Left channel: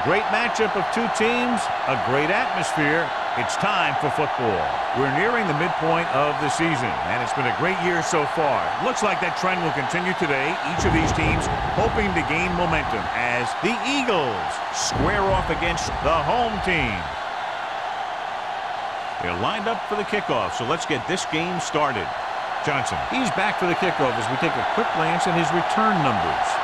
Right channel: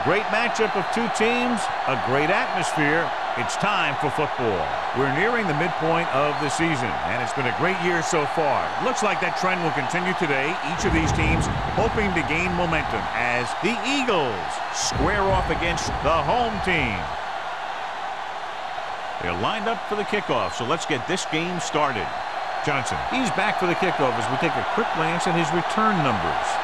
A great matchup of two teams, a great atmosphere. It's time for football. We're nearing the midpoint of the season, and it's been a great year so far. Looks like that trend will continue today. Each of these teams hoping to gain momentum as the Eagles square off against the home team. They're lined up for the kickoff, so let's get this game started. Johnson, he's back for the kickoff as we take a quick glance at his return numbers.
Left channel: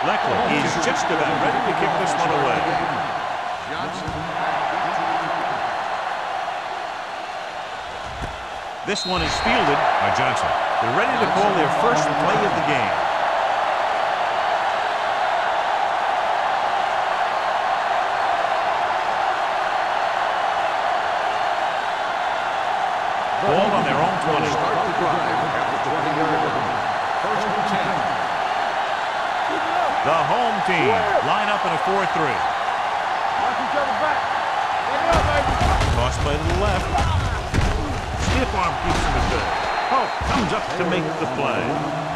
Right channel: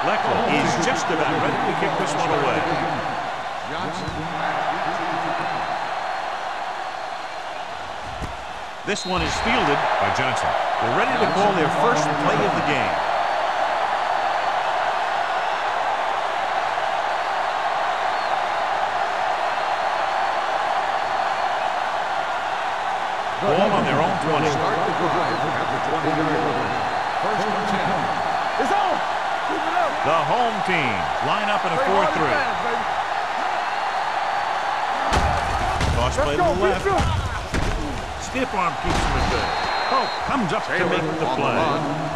Leckler is just about ready to kick this one away. Johnson back into the This one is fielded by Johnson. They're ready to call their first play of the game. Ball on their own 20. Start the drive at the 20-yard line. First and 10. The home team line up in a 4-3. Toss play to the left. Stiff arm keeps him at bay. Hope comes up to make the play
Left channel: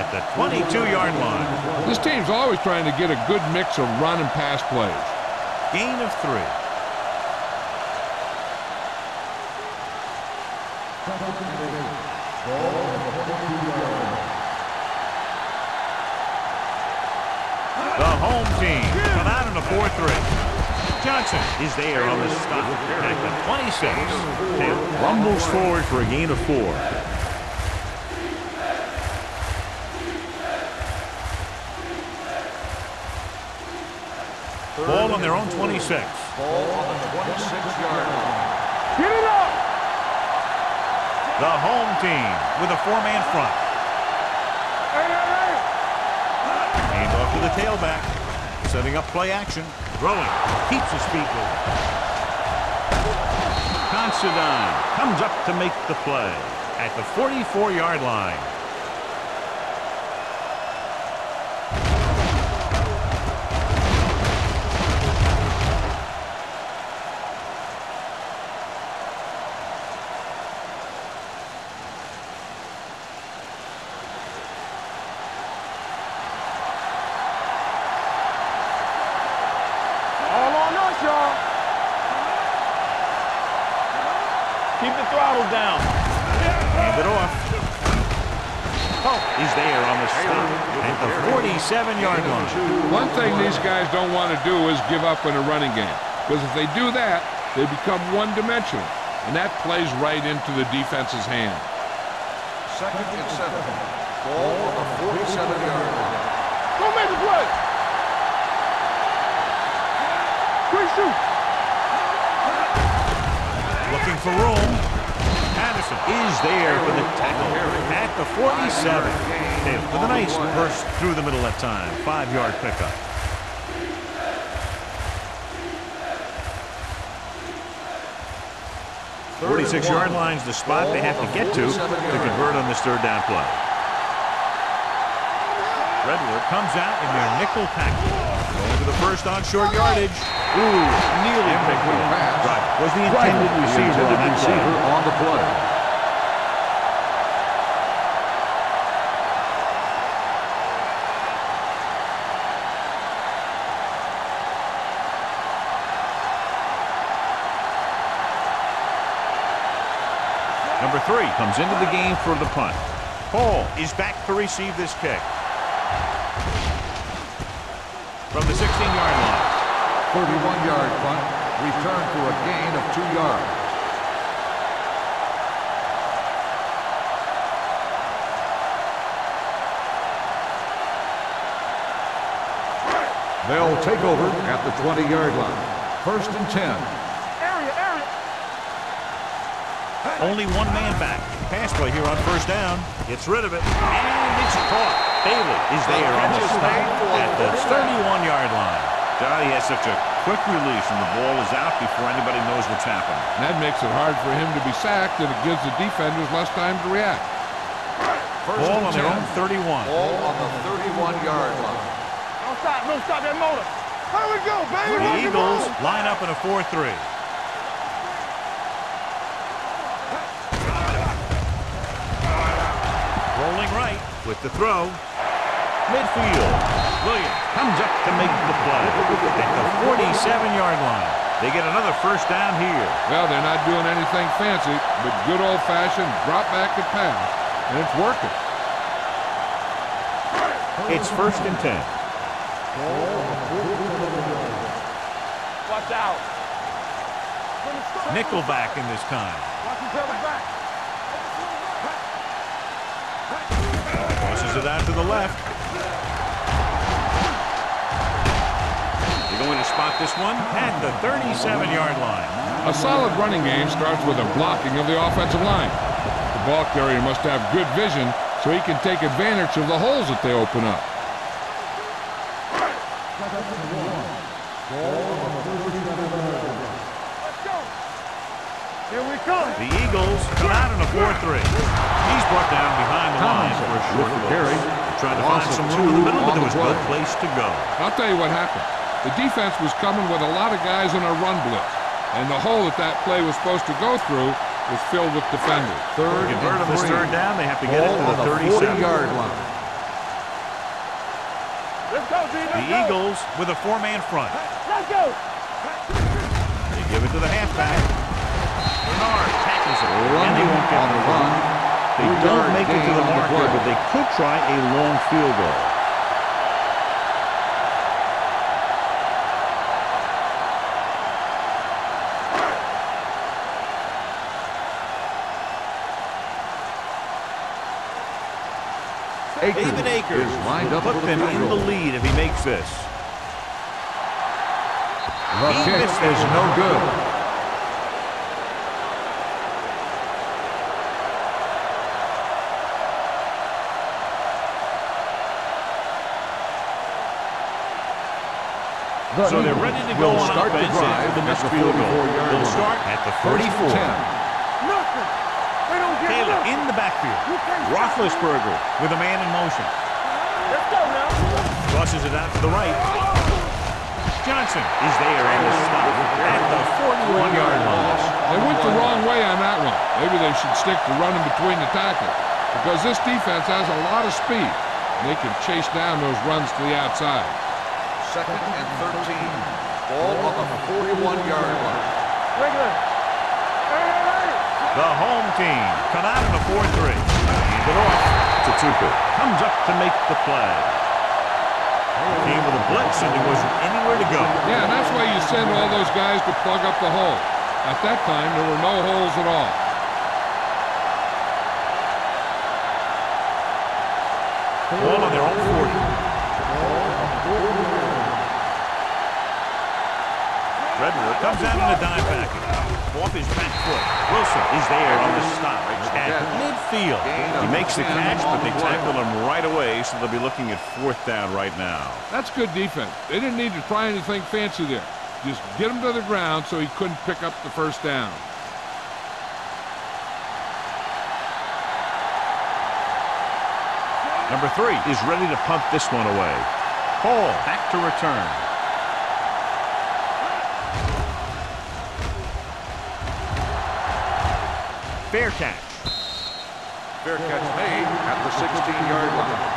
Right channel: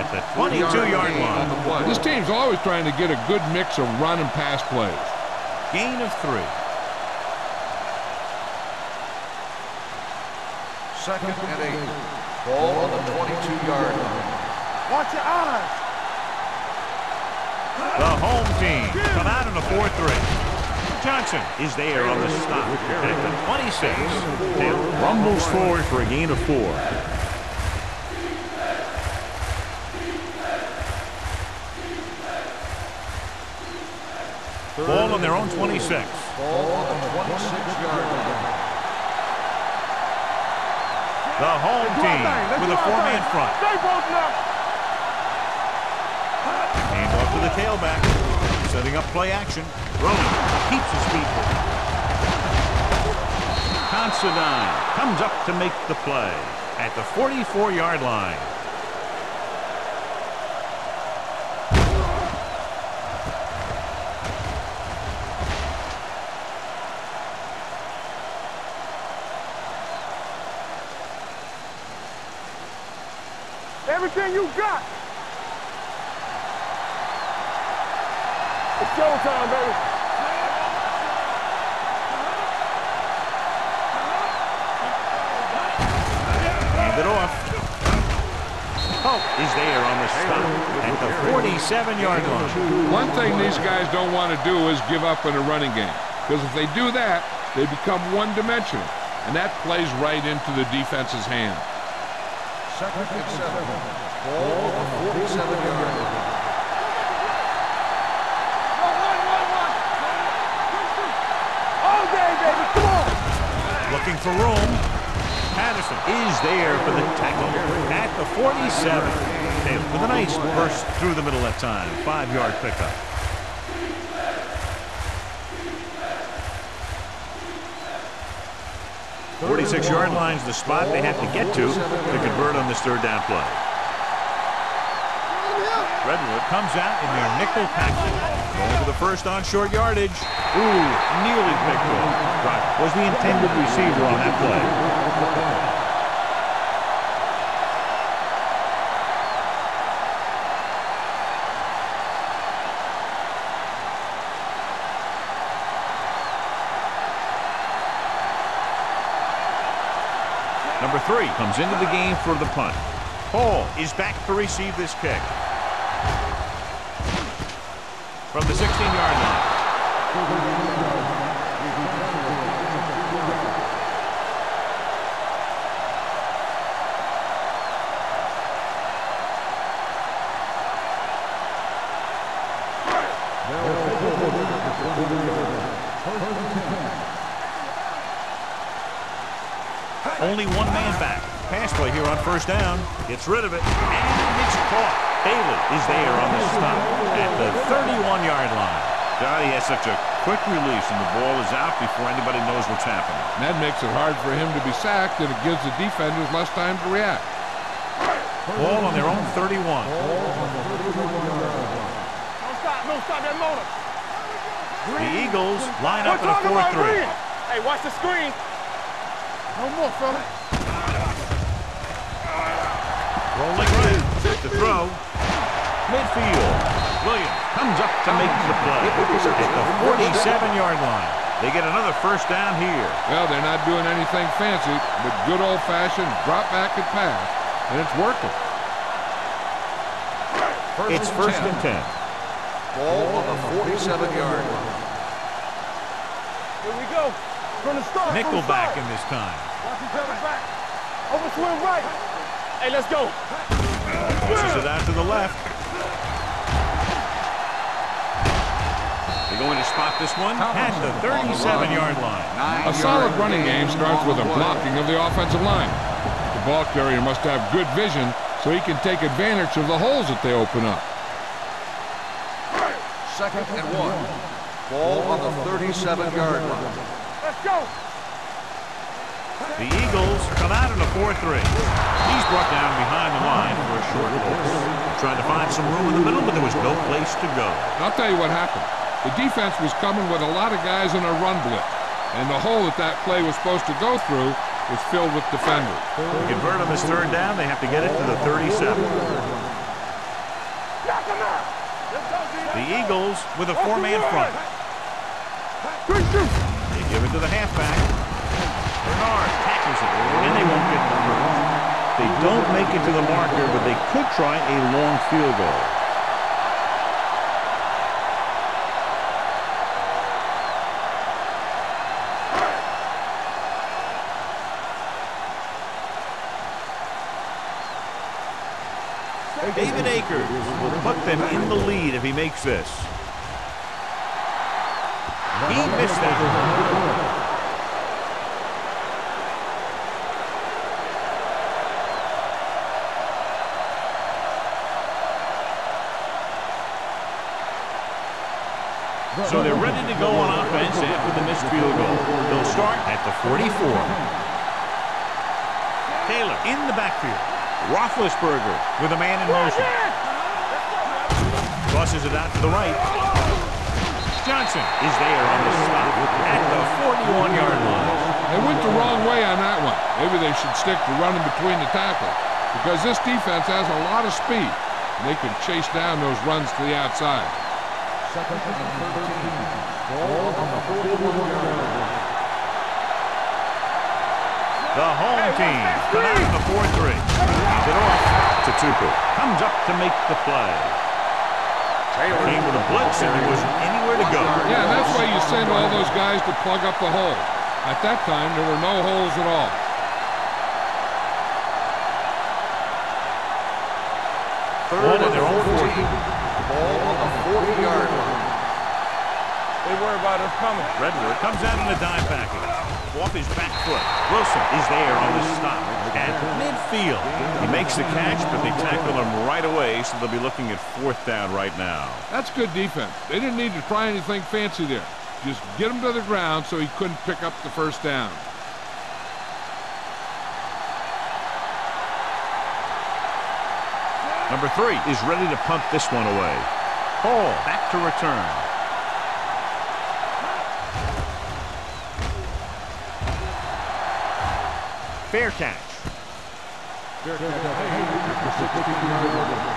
at the 22-yard line. This team's always trying to get a good mix of run and pass plays. Gain of 3. Second and 8. Ball on the 22-yard line. Watch your eyes. The home team come out in a 4-3. Johnson is there on the stop at the 26. Taylor rumbles forward for a gain of 4. Ball on their own 26. Ball on the 26-yard line. Get it up. The home team with a 4-man front. Hand off to the tailback. Setting up play action. Rolling. Keeps his feet moving. Considine comes up to make the play at the 44-yard line. Everything you got. It's showtime, baby. All on us, y'all. Keep the throttle down. Hand it off. Hope is there on the stop at the 47-yard line. One thing these guys don't want to do is give up in a running game, because if they do that, they become one-dimensional, and that plays right into the defense's hands. Second and 7. Ball on the 47-yard line. Looking for room. Patterson is there for the tackle at the 47. Taylor with a nice burst through the middle that time. 5-yard pickup. 46-yard line's the spot they have to get to convert on this third down play. Redwood comes out in their nickel package. Going to the first on short yardage. Ooh, nearly picked off. Driver was the intended receiver on that play. Number 3 comes into the game for the punt. Hall is back to receive this kick. From the 16-yard line. 41-yard punt. Return for a gain of 2 yards. They'll take over at the 20-yard line. First and 10. Only one man back. Pass play here on first down. Gets rid of it. And it's caught. Bailey is there on the stop at the 31-yard line. Johnny has such a quick release, and the ball is out before anybody knows what's happening. And that makes it hard for him to be sacked, and it gives the defenders less time to react. Ball on their own 31. Ball on the 31-yard line. Don't stop that motor. Where we go, baby? The Eagles line up in a 4-3. Hey, watch the screen. No more, fella. Rolling right with the throw. Midfield. Williams comes up to make the play at the 47-yard line. They get another first down here. Well, they're not doing anything fancy, but good old-fashioned drop back and pass, and it's working. It's first and 10. Ball on the 47-yard line. Watch out. Here we go. From the start. Nickelback in this time. Watch each other back. Over swing right. Hey, let's go. Pushes it out to the left. They're going to spot this one at the 37-yard line. A solid running game starts with a blocking of the offensive line. The ball carrier must have good vision so he can take advantage of the holes that they open up. Second and 1. Ball on the 37-yard line. Let's go. Here we come. The Eagles come out in a 4-3. He's brought down behind the line for a short loss. They tried to find some room in the middle, but there was no place to go. I'll tell you what happened. The defense was coming with a lot of guys in a run blitz, and the hole that play was supposed to go through was filled with defenders. To convert on this third down, they have to get it to the 37-yard line. Let's go, D. The Eagles with a four-man front. Let's go. They give it to the halfback. Bernard tackles it, and they won't get the first. They don't make it to the marker, but they could try a long field goal. David Akers will put them in the lead if he makes this. He missed that. No good. So they're ready to go on offense after the missed field goal. They'll start at the 44. Taylor in the backfield. Roethlisberger with a man in motion. Crosses it out to the right. Johnson is there on the stop at the 41-yard line. They went the wrong way on that one. Maybe they should stick to running between the tackles, because this defense has a lot of speed, and they can chase down those runs to the outside. Second and 13. Ball on the 41-yard line. The home team come out in a 4-3. Hand it off to Tupu. Comes up to make the play. Came with a blitz and he wasn't anywhere to go. Yeah, and that's why you send all those guys to plug up the hole. At that time, there were no holes at all. Ball on their own 40. Ball on the 40-yard line. They worry about us coming. Redwood comes out in a dime package. Off his back foot. Wilson is there on the stop at midfield. He makes the catch, but they tackle him right away, so they'll be looking at fourth down right now. That's good defense. They didn't need to try anything fancy there. Just get him to the ground so he couldn't pick up the first down. Number 3 is ready to punt this one away. Hall back to return. Fair catch. Fair catch made at the 16-yard line.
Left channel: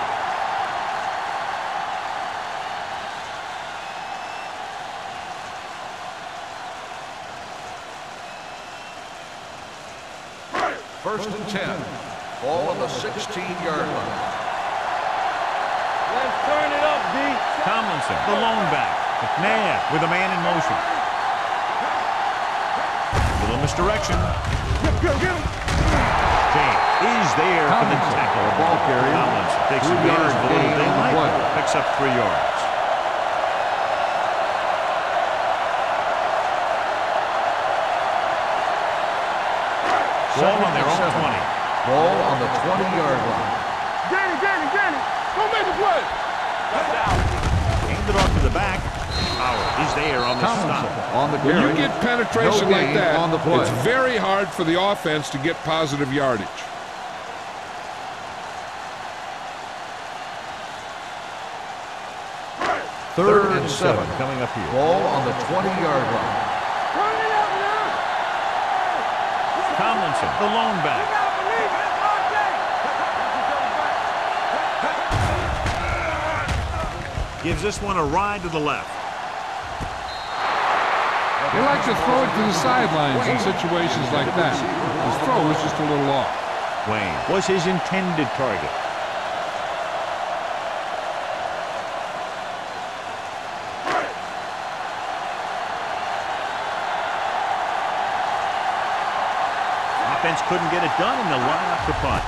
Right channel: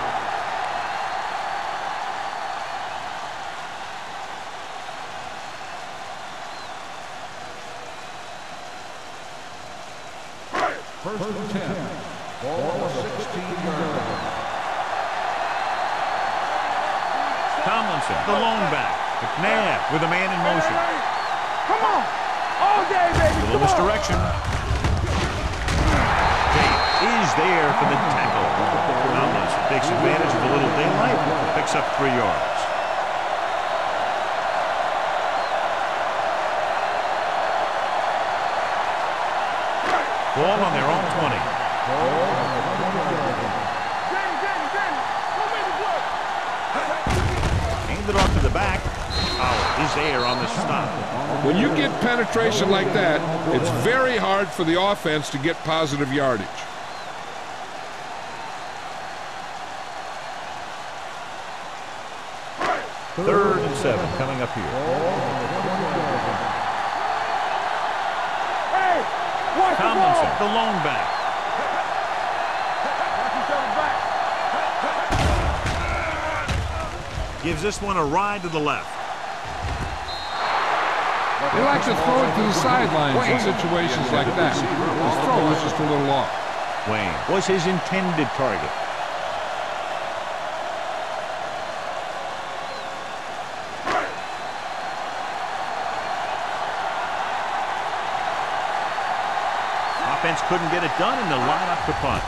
First and 10. Ball on the 16-yard line. Let's turn it up, D. Tomlinson, the lone back. McNabb with a man in motion. Come on. All day, baby. Little misdirection. James is there for the tackle. Tomlinson takes advantage of a little daylight, picks up 3 yards. Ball on their own 20. Ball on the 20-yard line. Danny. Go make the play. Hand it off to the back. Howard is there on the stop. When you get penetration like that, it's very hard for the offense to get positive yardage. Third and 7 coming up here. Ball on the 20-yard line. Hey, watch Tomlinson, the lone back. Gives this one a ride to the left. They like to throw it to the sidelines in situations like that. His throw was just a little off. Wayne was his intended target. Offense couldn't get it done, and they'll line up to punt.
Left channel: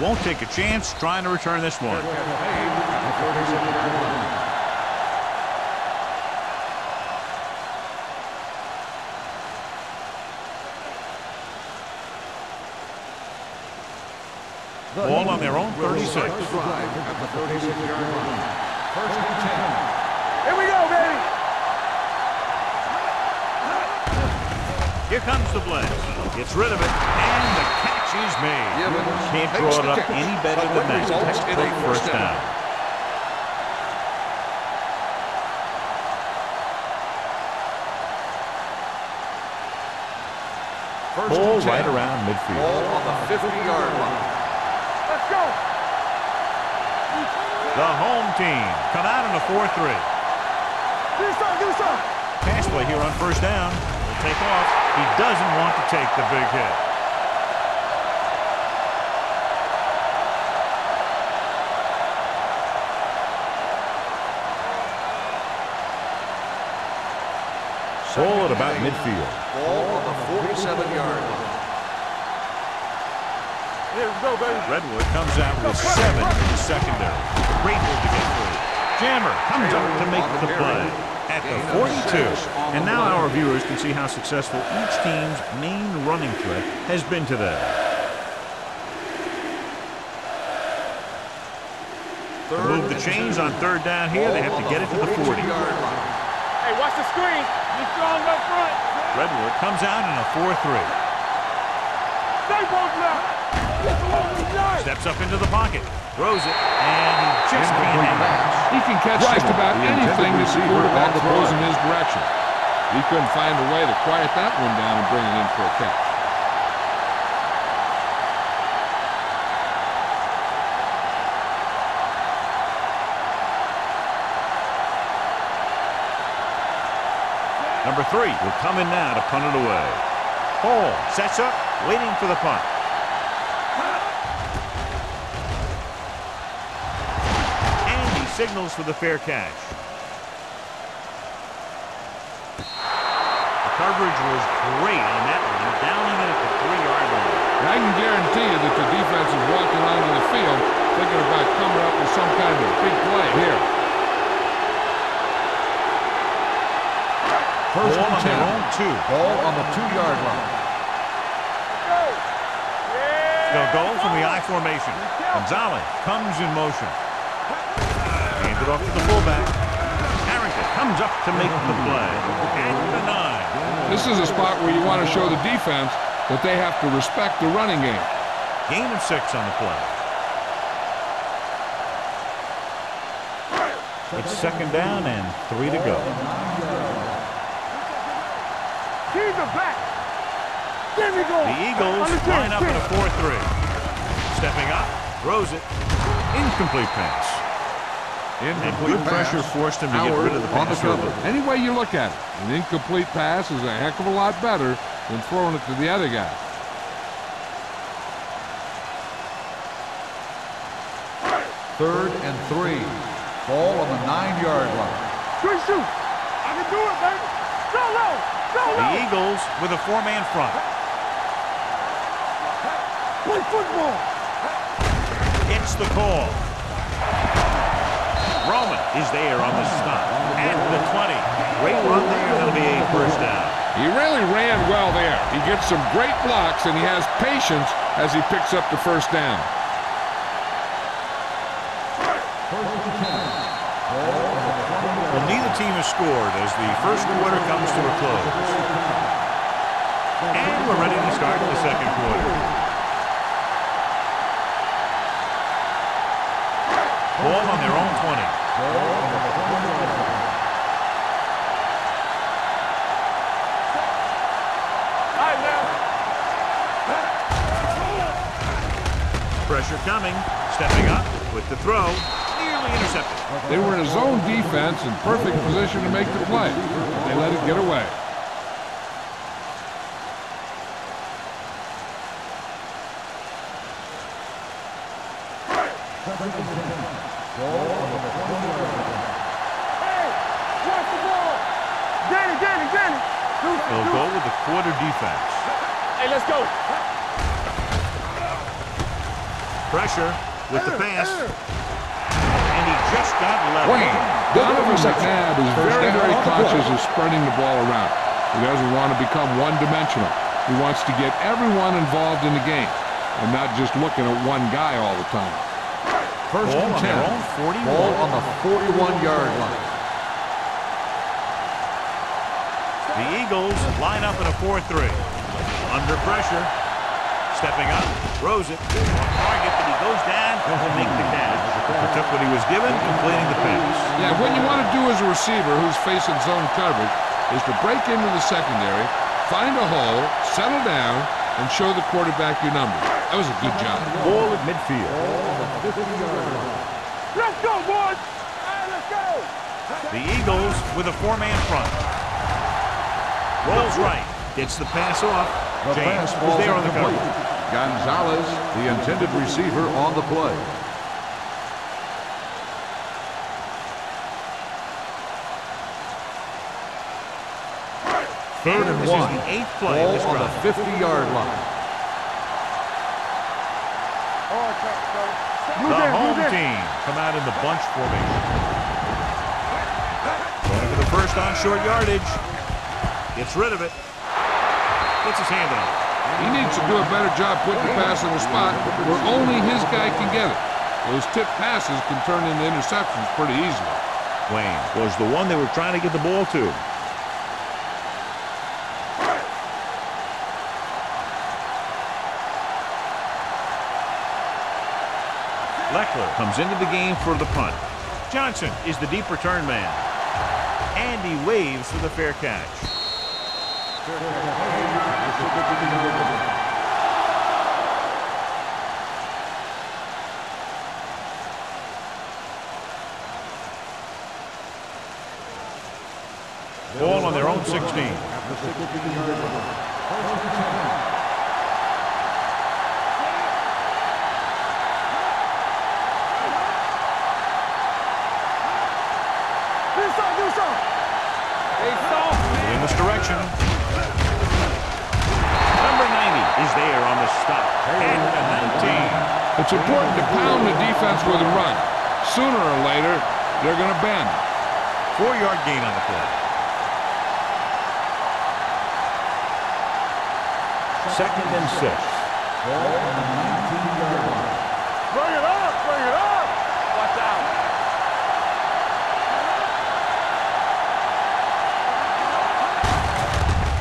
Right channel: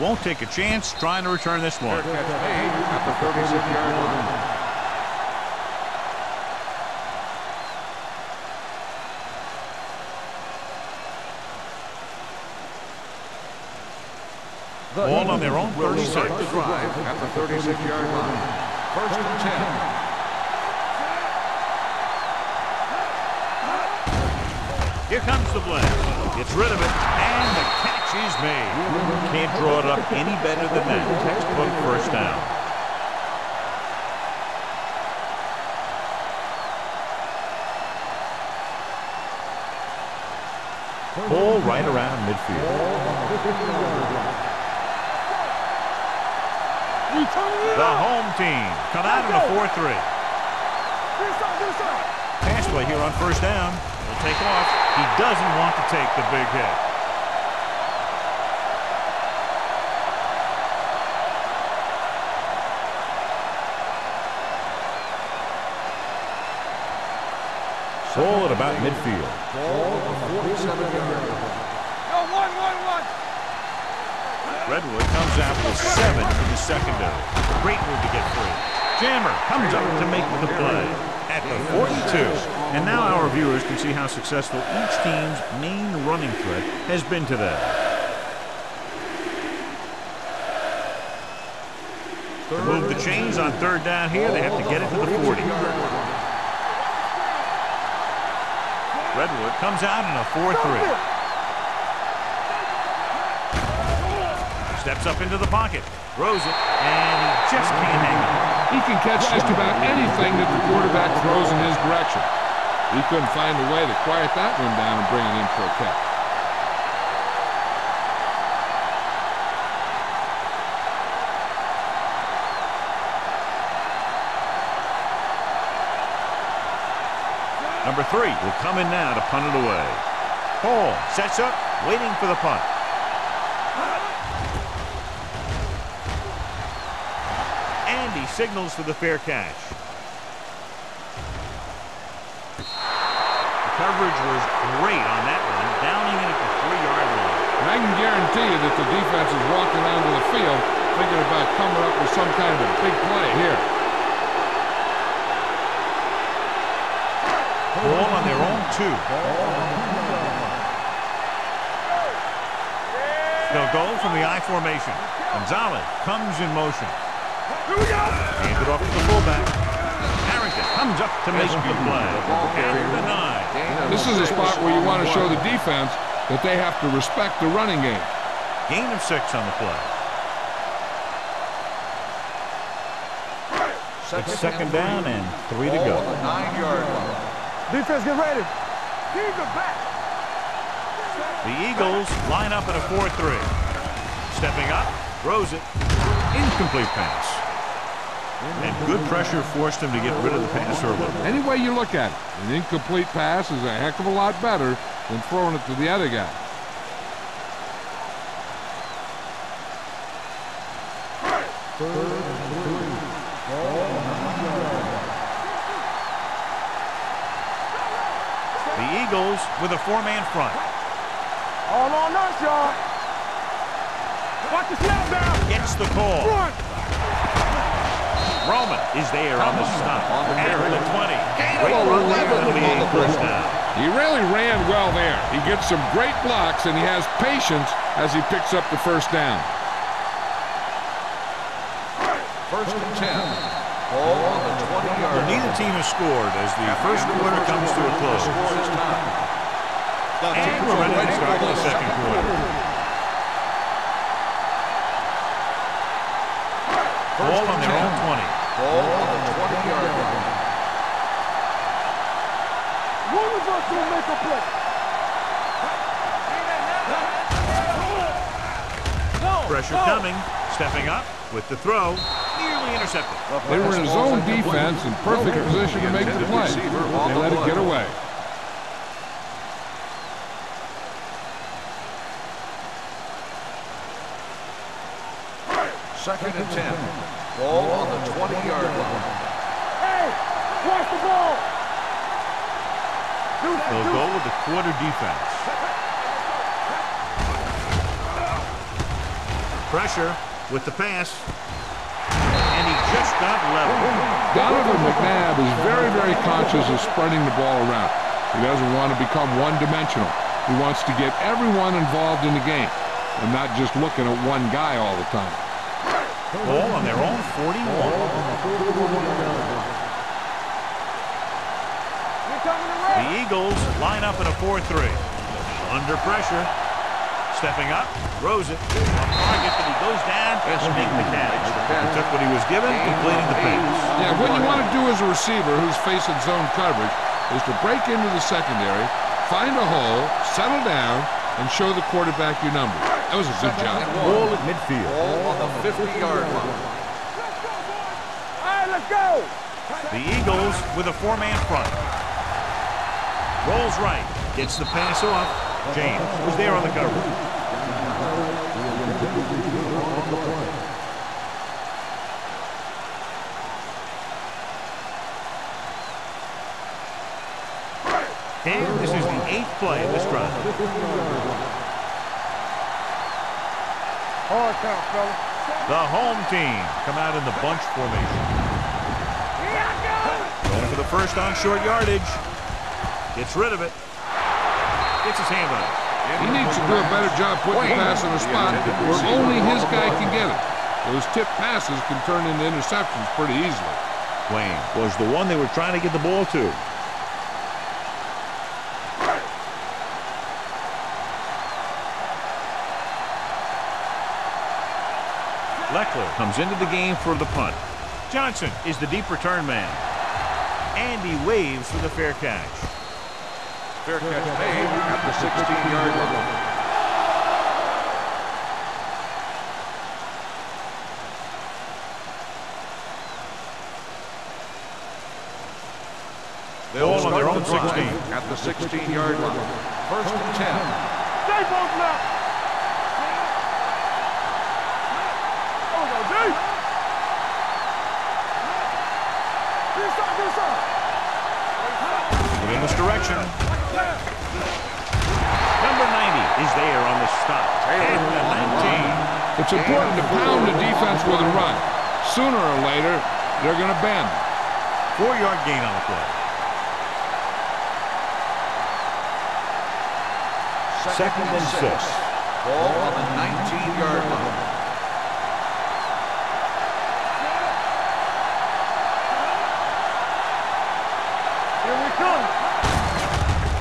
Won't take a chance trying to return this one. Fair catch made at the 36-yard line. Ball on their own 36. Start the drive at the 36-yard line. 1st and 10. Here we go, baby. Here comes the blast. Gets rid of it, and the catch is made. Can't draw it up any better than that. Textbook first down. Ball right around midfield. Ball on the 50-yard line. Let's go. The home team come out in a 4-3. Do this side, do this side. Pass play here on first down. He'll take off. He doesn't want to take the big hit. Ball at about midfield. Ball on the 47-yard line. Go, one. Here we go, baby. Redwood comes out with 7 in the secondary. Great move to get free. Jammer comes up to make the play at the 42. And now our viewers can see how successful each team's main running threat has been today. To move the chains on third down here, they have to get it to the 40. Hey, watch the screen. You're strong up front. Redwood comes out in a 4-3. Stay both now. Steps up into the pocket, throws it, and he just can't hang on. He can catch just about anything that the quarterback throws in his direction. He couldn't find a way to quiet that one down and bring it in for a catch. Number 3 will come in now to punt it away. Hall sets up, waiting for the punt. And he signals for the fair catch. The coverage was great on that one, downing it at the 3-yard line. And I can guarantee you that the defense is walking onto the field thinking about coming up with some kind of big play here. Ball on their own 2. Ball on the 2-yard line. They'll go from the I formation. Gonzalez comes in motion. Hands it off to the fullback. Harrington comes up to make the play. At the 9. This is a spot where you want to show the defense that they have to respect the running game. Gain of 6 on the play. It's second down and 3 to go. 9-yard line. Defense, get ready. Keep it back. There we go. The Eagles line up in a 4-3. Stepping up, throws it. Incomplete pass. And good pressure forced him to get rid of the pass early. Any way you look at it, an incomplete pass is a heck of a lot better than throwing it to the other guy. Third and 3. Ball on the 9-yard line. Good shoot. I can do it, baby. Go, go. The Eagles with a 4-man front. All on us, y'all. Play football. Watch the center. Gets the call. Roman is there on the stop at the 20. Great run there. That'll be a first down. He really ran well there. He gets some great blocks, and he has patience as he picks up the first down. First and 10. Ball on the 20-yard line. Well, neither team has scored as the first quarter comes to a close. And we're ready to start the second quarter. Ball on their own 20. Ball on the 20-yard line. Pressure coming. Stepping up with the throw. Nearly intercepted. They were in a zone defense in perfect position to make the play. But they let it get away. Second and 10. Ball on the 20-yard line. Hey, watch the ball. Get it. They'll go with the quarter defense. Hey, let's go. Pressure with the pass. And he just got level. Donovan McNabb is very, very conscious of spreading the ball around. He doesn't want to become one-dimensional. He wants to get everyone involved in the game and not just looking at one guy all the time. Ball on their own 41. Ball on the 41-yard line. The Eagles line up in a 4-3. Under pressure. Stepping up. Throws it. On target, but he goes down and makes the catch. He took what he was given, completing the pass. Yeah, what you want to do as a receiver who's facing zone coverage is to break into the secondary, find a hole, settle down, and show the quarterback your numbers. That was a good job. Ball at midfield. Ball on the 50-yard line. Let's go, boys. All right, let's go. The Eagles with a 4-man front. Rolls right. Gets the pass off. James was there on the coverage. Gonzalez, the intended receiver, on the play. And this is the 8th play of this drive. 50-yard line. Hard count, fella. The home team come out in the bunch formation. Going for the first on short yardage. Gets rid of it. Gets his hand on it. He needs to do a better job putting the pass in a spot where only his guy can get it. Those tip passes can turn into interceptions pretty easily. Wayne was the one they were trying to get the ball to. Leckler comes into the game for the punt. Johnson is the deep return man. And he waves for the fair catch. Fair catch made at the 16-yard line. Ball on their own 16. At the 16-yard line. First and 10. In this direction. Number 90 is there on the stop. At the 19. It's important to pound the defense with a run. Sooner or later, they're going to bend. 4-yard gain on the play. Second and 6. Ball on the 19-yard line. Bring it up.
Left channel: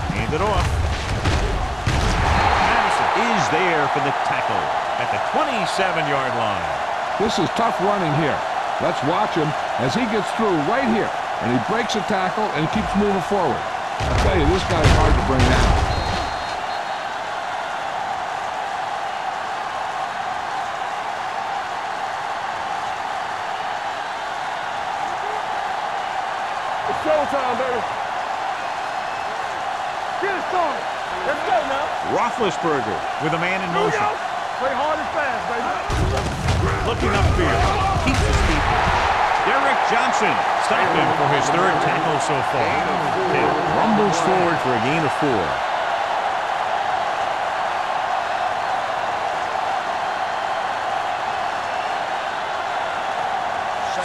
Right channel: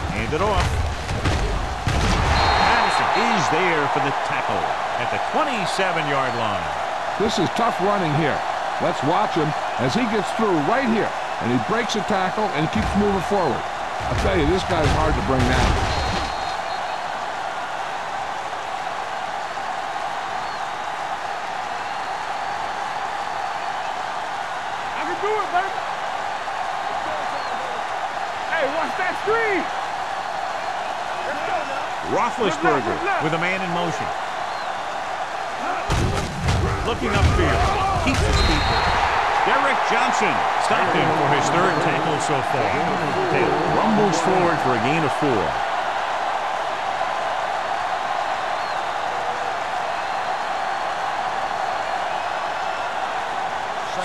Hand it off. Madison is there for the tackle at the 27-yard line. This is tough running here. Let's watch him as he gets through right here. And he breaks a tackle and he keeps moving forward. I'll tell you, this guy's hard to bring down. Roethlisberger with a man in motion. Looking upfield. Keeps his feet. Derek Johnson stopped him for his 3rd tackle so far. Taylor rumbles forward for a gain of 4.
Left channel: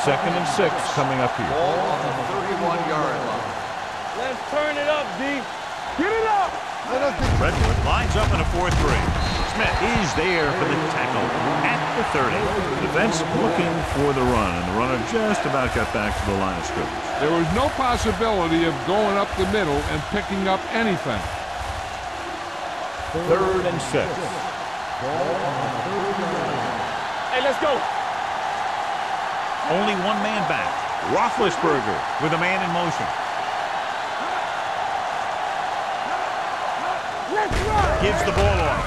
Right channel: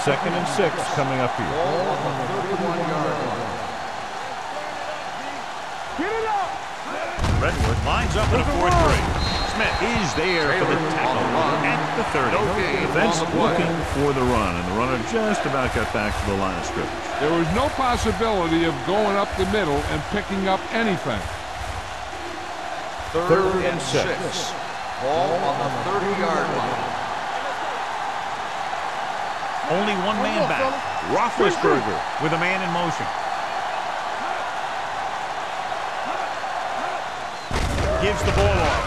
Second and 6 coming up here. Ball on the 31-yard line. Let's turn it up, D. Get it up. Redwood lines up in a 4-3. Smith is there for the tackle at the 30. Defense looking for the run, and the runner just about got back to the line of scrimmage. There was no possibility of going up the middle and picking up anything. 3rd and 6. Ball on the 30-yard line. Hey, let's go. Only one man back. Roethlisberger with a man in motion. Gives the ball off.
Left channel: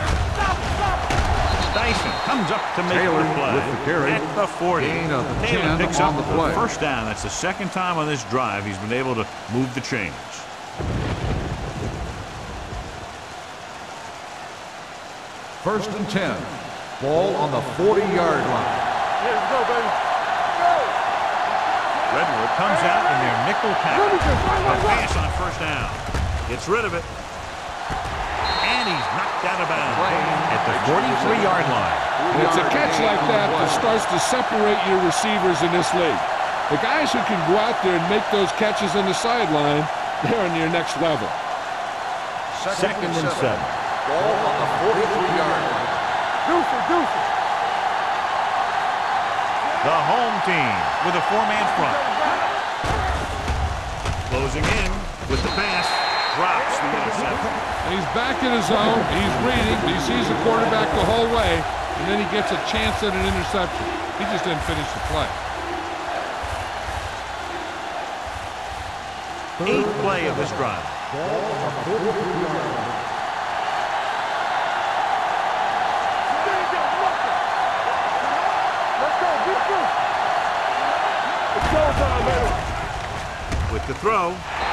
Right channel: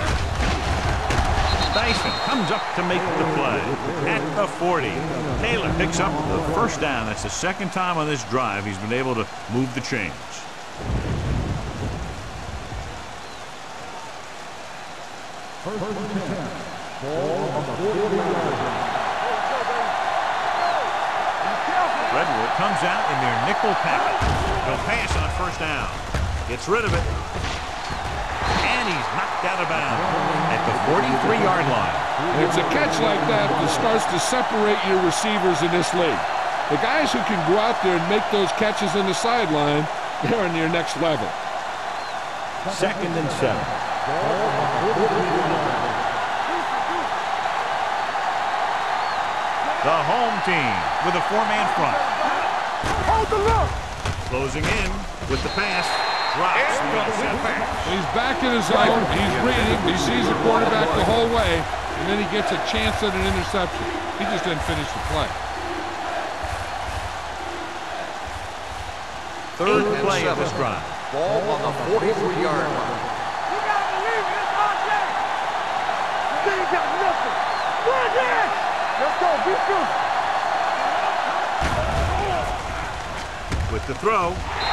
Dyson comes up to make the play at the 40. Taylor picks up the first down. That's the second time on this drive he's been able to move the chains. First and 10. Ball on the 40-yard line. Here we go, baby. Go. Redwood comes out in their nickel package. They'll pass on first down. Gets rid of it. And he's knocked out of bounds at the 43-yard line. And it's a catch like that that starts to separate your receivers in this league. The guys who can go out there and make those catches on the sideline, they're on your next level. Second and 7. Ball on the 43-yard line. Deuce. The home team with a 4-man front. Closing in with the pass. Drops the interception. He's back in his zone. He's reading. He sees the quarterback the whole way, and then he gets a chance at an interception. He just didn't finish the play. Eighth play of this drive. Ball on the 43-yard line. Let's go, beat Bruce. With the throw,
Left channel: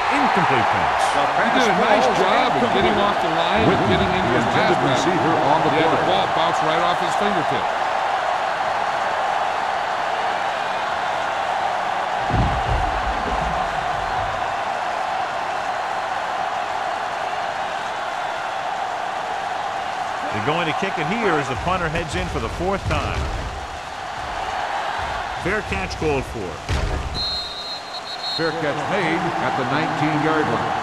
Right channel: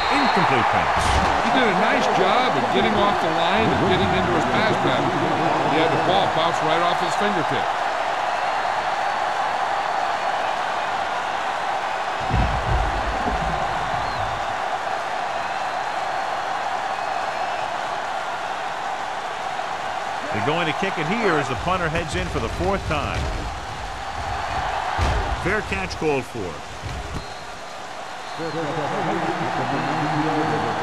incomplete pass. He did a nice job of getting off the line and getting into his pass pattern. He had the ball bounce right off his fingertip. They're going to kick it here as the punter heads in for the 4th time. Fair catch called for. Fair catch made at the 19-yard line.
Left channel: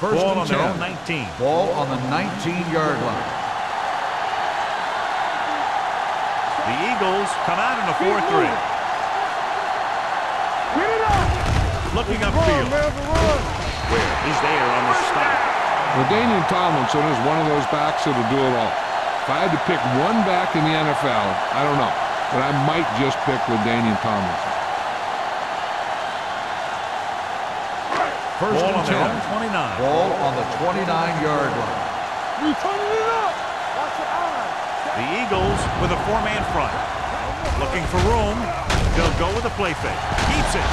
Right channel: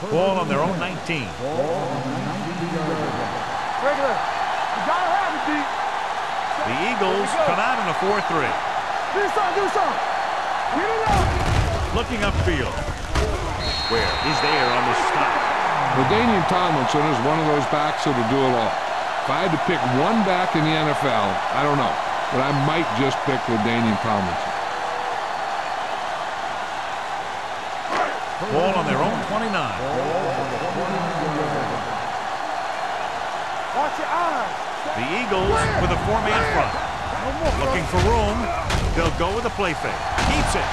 Ball on their own 19. Ball on the 19-yard line. The Eagles come out in a 4-3. Looking upfield. Where is there on the stop? LaDainian Tomlinson is one of those backs that'll do it all. If I had to pick one back in the NFL, I don't know, but I might just pick LaDainian Tomlinson. Ball on their own 29. Ball on the 29-yard line. Watch your eyes. The Eagles with a 4-man front. Looking for room. They'll go with a play fake. Keeps it.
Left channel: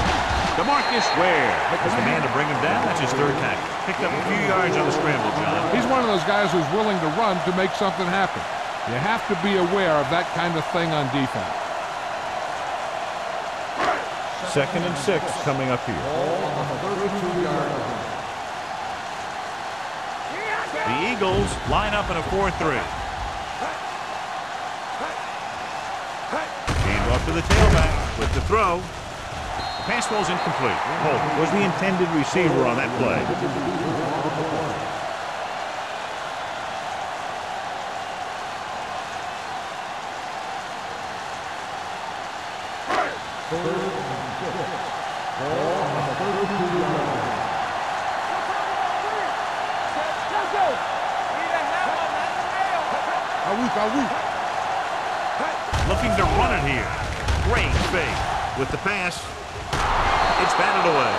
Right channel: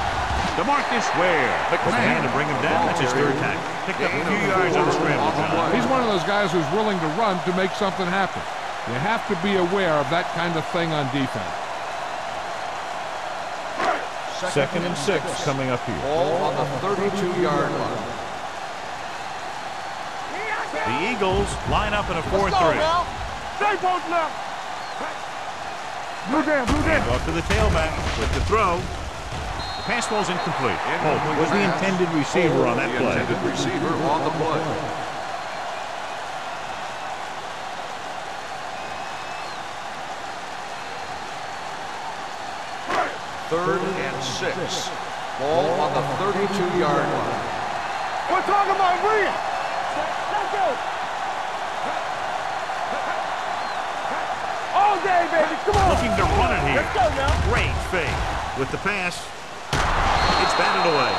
DeMarcus Ware was the man to bring him down. That's his 3rd tackle. Picked up a few yards on the scramble, John. He's one of those guys who's willing to run to make something happen. You have to be aware of that kind of thing on defense. Second and 6 coming up here. Ball on the 32-yard line. The Eagles line up in a 4-3. Hand off to the tailback with the throw. The pass ball's incomplete. Holt was the intended receiver on that play. Receiver on the play. Third and 6. Ball on the 32-yard line. We're talking about Rhea. Let's go. All day, baby. Come on. Looking to run it here. Great fake with the pass. It's batted away.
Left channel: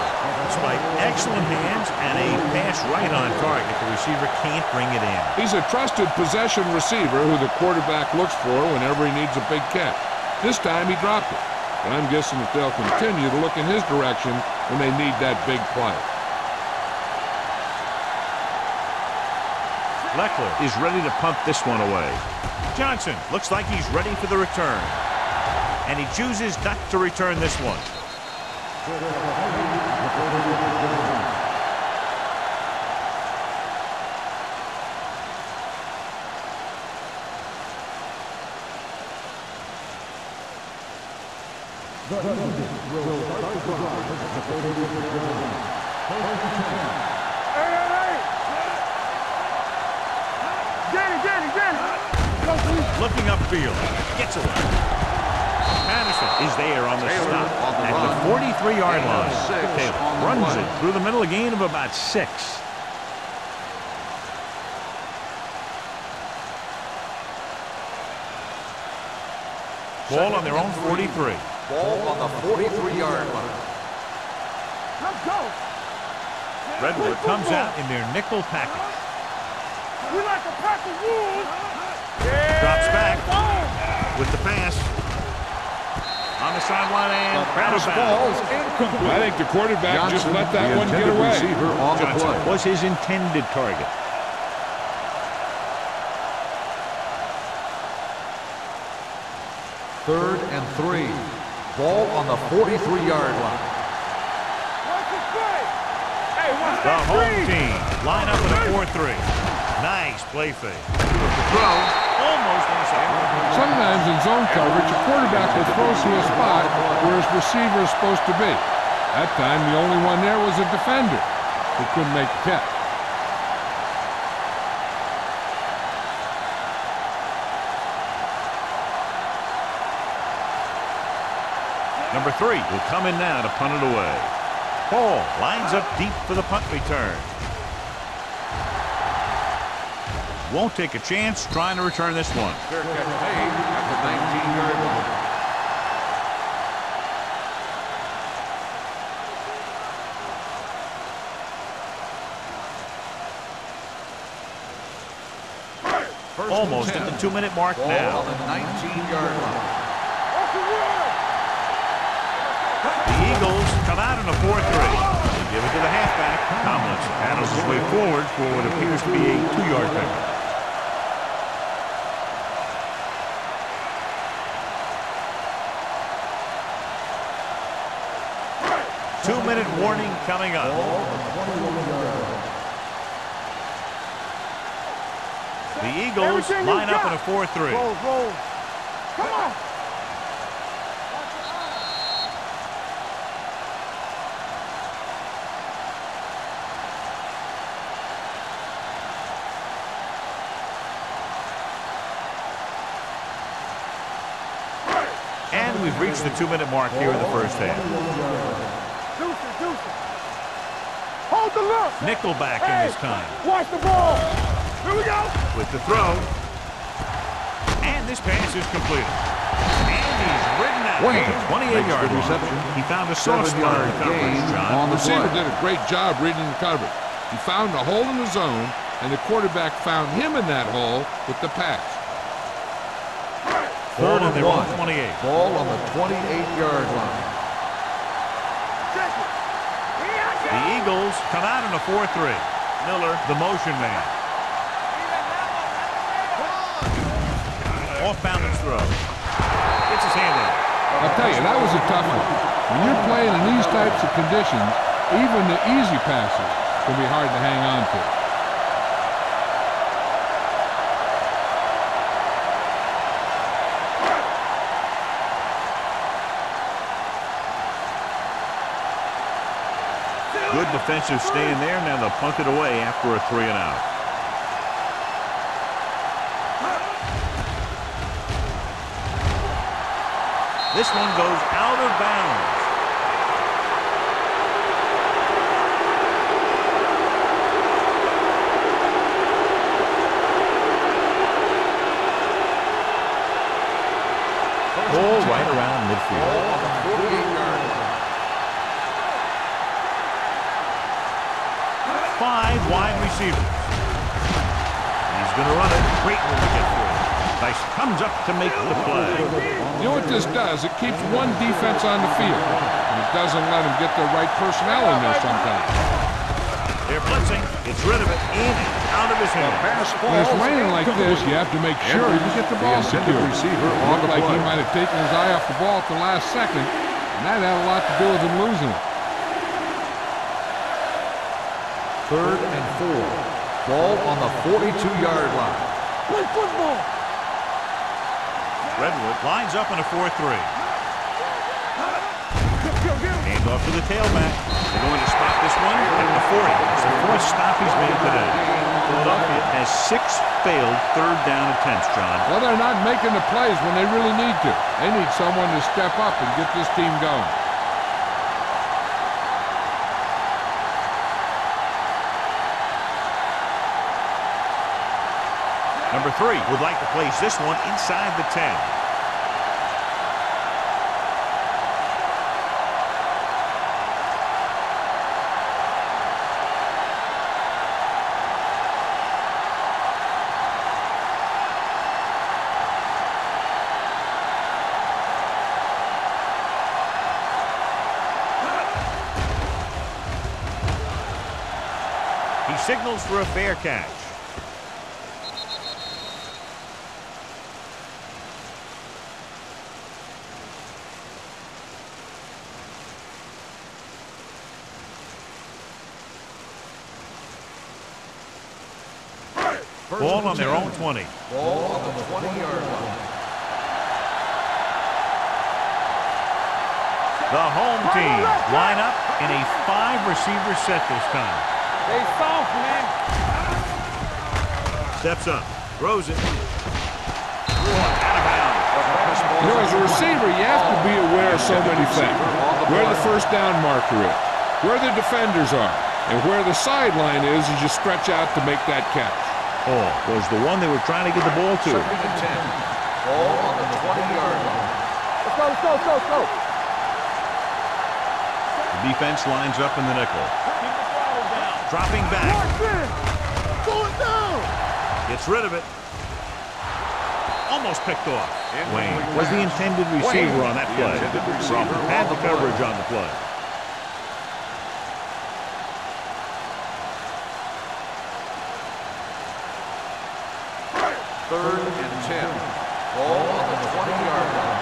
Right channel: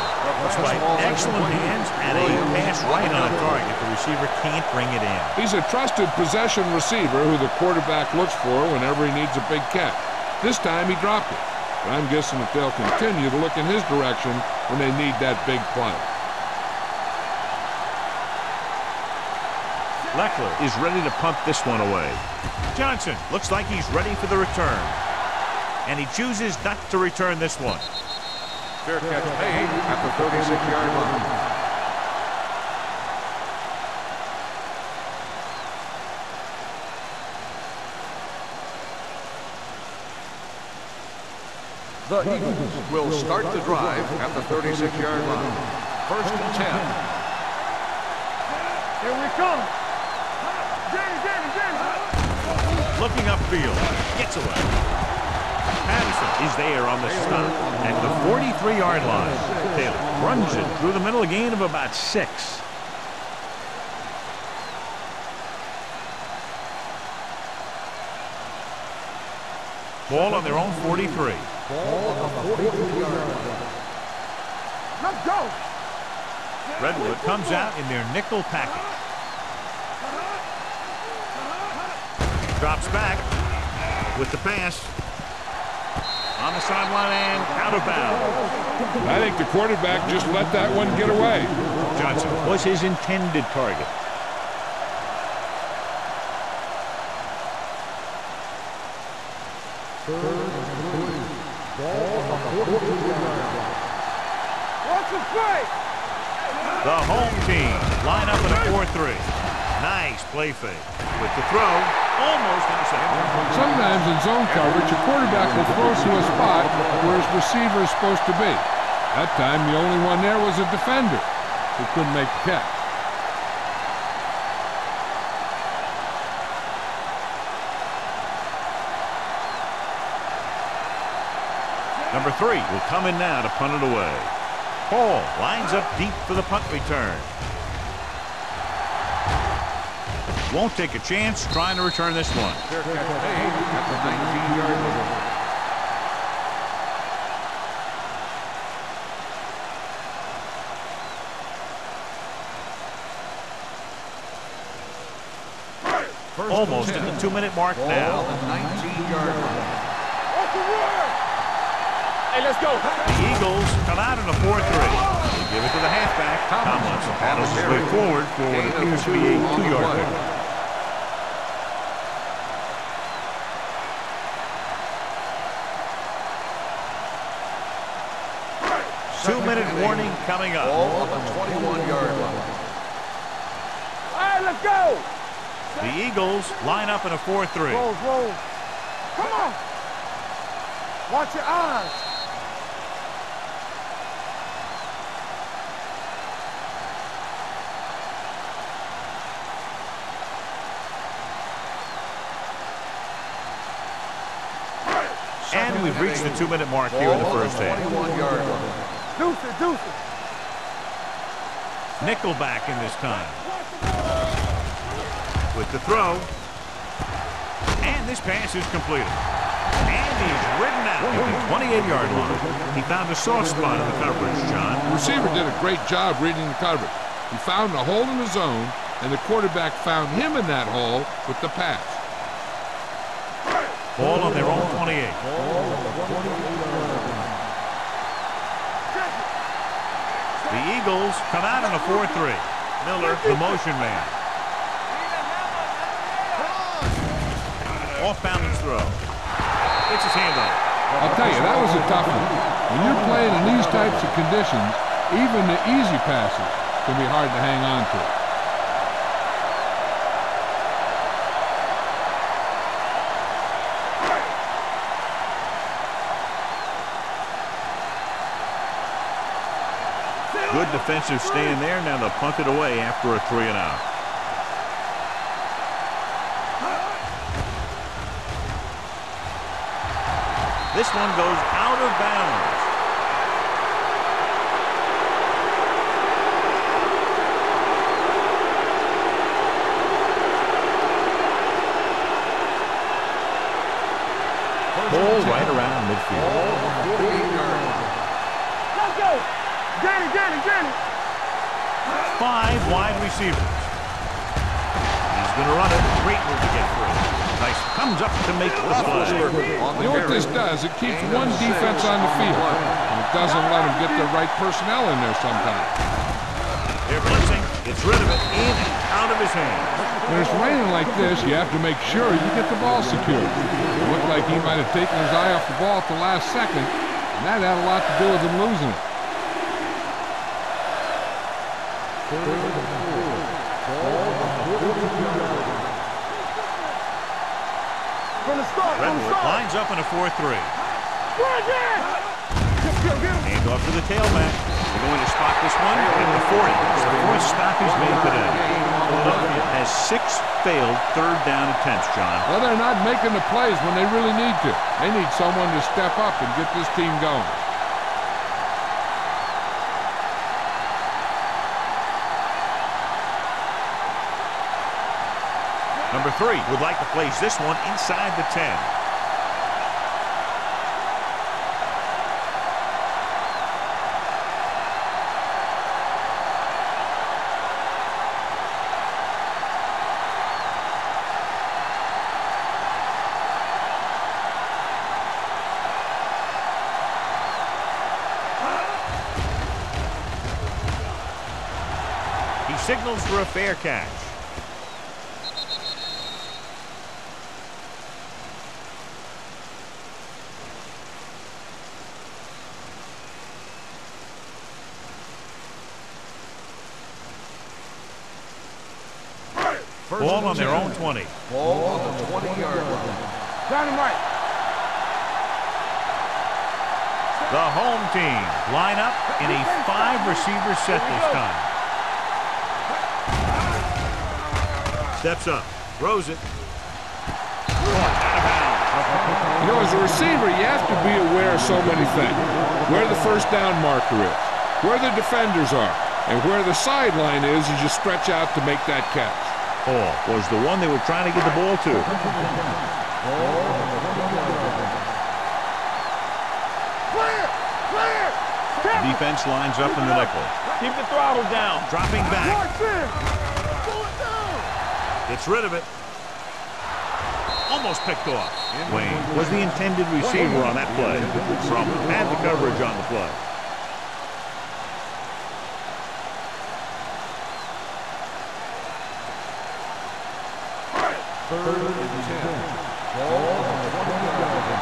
Despite excellent hands and a pass right on target, the receiver can't bring it in. He's a trusted possession receiver who the quarterback looks for whenever he needs a big catch. This time he dropped it, but I'm guessing that they'll continue to look in his direction when they need that big play. Leckler is ready to punt this one away. Johnson looks like he's ready for the return. And he chooses not to return this one. Fair catch made at the 36-yard line. The Eagles will start the drive at the 36-yard line. First and 10. Here we come. Danny. Looking upfield. Gets away. Patterson is there on the stop at the 43-yard line. Taylor runs it through the middle, a gain of about 6. Ball on their own 43. Ball on the 43-yard line. Let's go. Redwood comes out in their nickel package. Drops back with the pass. On the sideline and out of bounds. I think the quarterback just let that one get away. Johnson was his intended target. Third and 3. Ball on the 43-yard line. What's the play? Hey, what's The home team line up in a 4-3. Nice play fake. With the throw, almost intercepted. Sometimes in zone coverage, a quarterback will throw to a spot where his receiver is supposed to be. That time, the only one there was a defender who couldn't make the catch. Number 3 will come in now to punt it away. Hall lines up deep for the punt return. Won't take a chance trying to return this one. Fair catch made at the 19-yard line. Almost at the 2-minute mark Ball now. on the 19-yard line. What's the word? Hey, let's go. The Eagles come out in a 4-3. They give it to the halfback. Tomlinson paddles his way forward for what appears to be a 2-yard pickup. Two-minute warning coming up. Ball on the 21-yard line. All right, let's go. The Eagles line up in a 4-3. Roll. Come on. Watch your eyes. And we've reached the 2-minute mark here in the first half. Deuce it. Hold the look. Nickelback in this time. Watch the ball. Here we go. With the throw. And this pass is completed. And he's ridden out at the 28-yard line. He found a soft spot in the coverage, John. The receiver did a great job reading the coverage. He found a hole in the zone, and the quarterback found him in that hole with the pass. Ball on their own 28. Ball on the 28-yard line. Check it. The Eagles come out in a 4-3. Miller, the motion man. Off balance throw. Gets his hand on it. I'll tell you, that was a tough one. When you're playing in these types of conditions, even the easy passes can be hard to hang on to. Good defensive stand there. Now they'll punt it away after a 3-and-out. This one goes out of bounds. Ball right around midfield. Ball on the 48-yard line. 5 wide receivers. He's going to run it. Great move to get free. Nice. Comes up to make the play. You know what this does? It keeps one defense on the field, and it doesn't let them get the right personnel in there sometimes. They're blitzing. Gets rid of it. In and out of his hands. When it's raining like this, you have to make sure you get the ball secured. It looked like he might have taken his eye off the ball at the last second, and that had a lot to do with him losing it. Third and 4. Ball on the 42-yard line. Redwood lines up in a 4-3. Hand off to the tailback. They're going to spot this one at the 40. It's the 4th stop he's made today. Philadelphia has 6 failed third-down attempts, John. Well, they're not making the plays when they really need to. They need someone to step up and get this team going. Number 3 would like to place this one inside the 10. He signals for a fair catch. Ball on their own 20. Ball on the 20-yard line. The home team line up in a 5-receiver set this time. Steps up, throws it. Out of bounds. You know, as a receiver, you have to be aware of so many things. Where the first down marker is, where the defenders are, and where the sideline is as you stretch out to make that catch. Ball was the one they were trying to get the ball to. Ball on the 20-yard line. The defense lines up in the nickel. Keep the throttle down. Dropping back. Pull it down. Gets rid of it. Almost picked off. Wayne was the intended receiver on that play. From had the coverage on the play. Third and 10. Ball on the 20-yard line.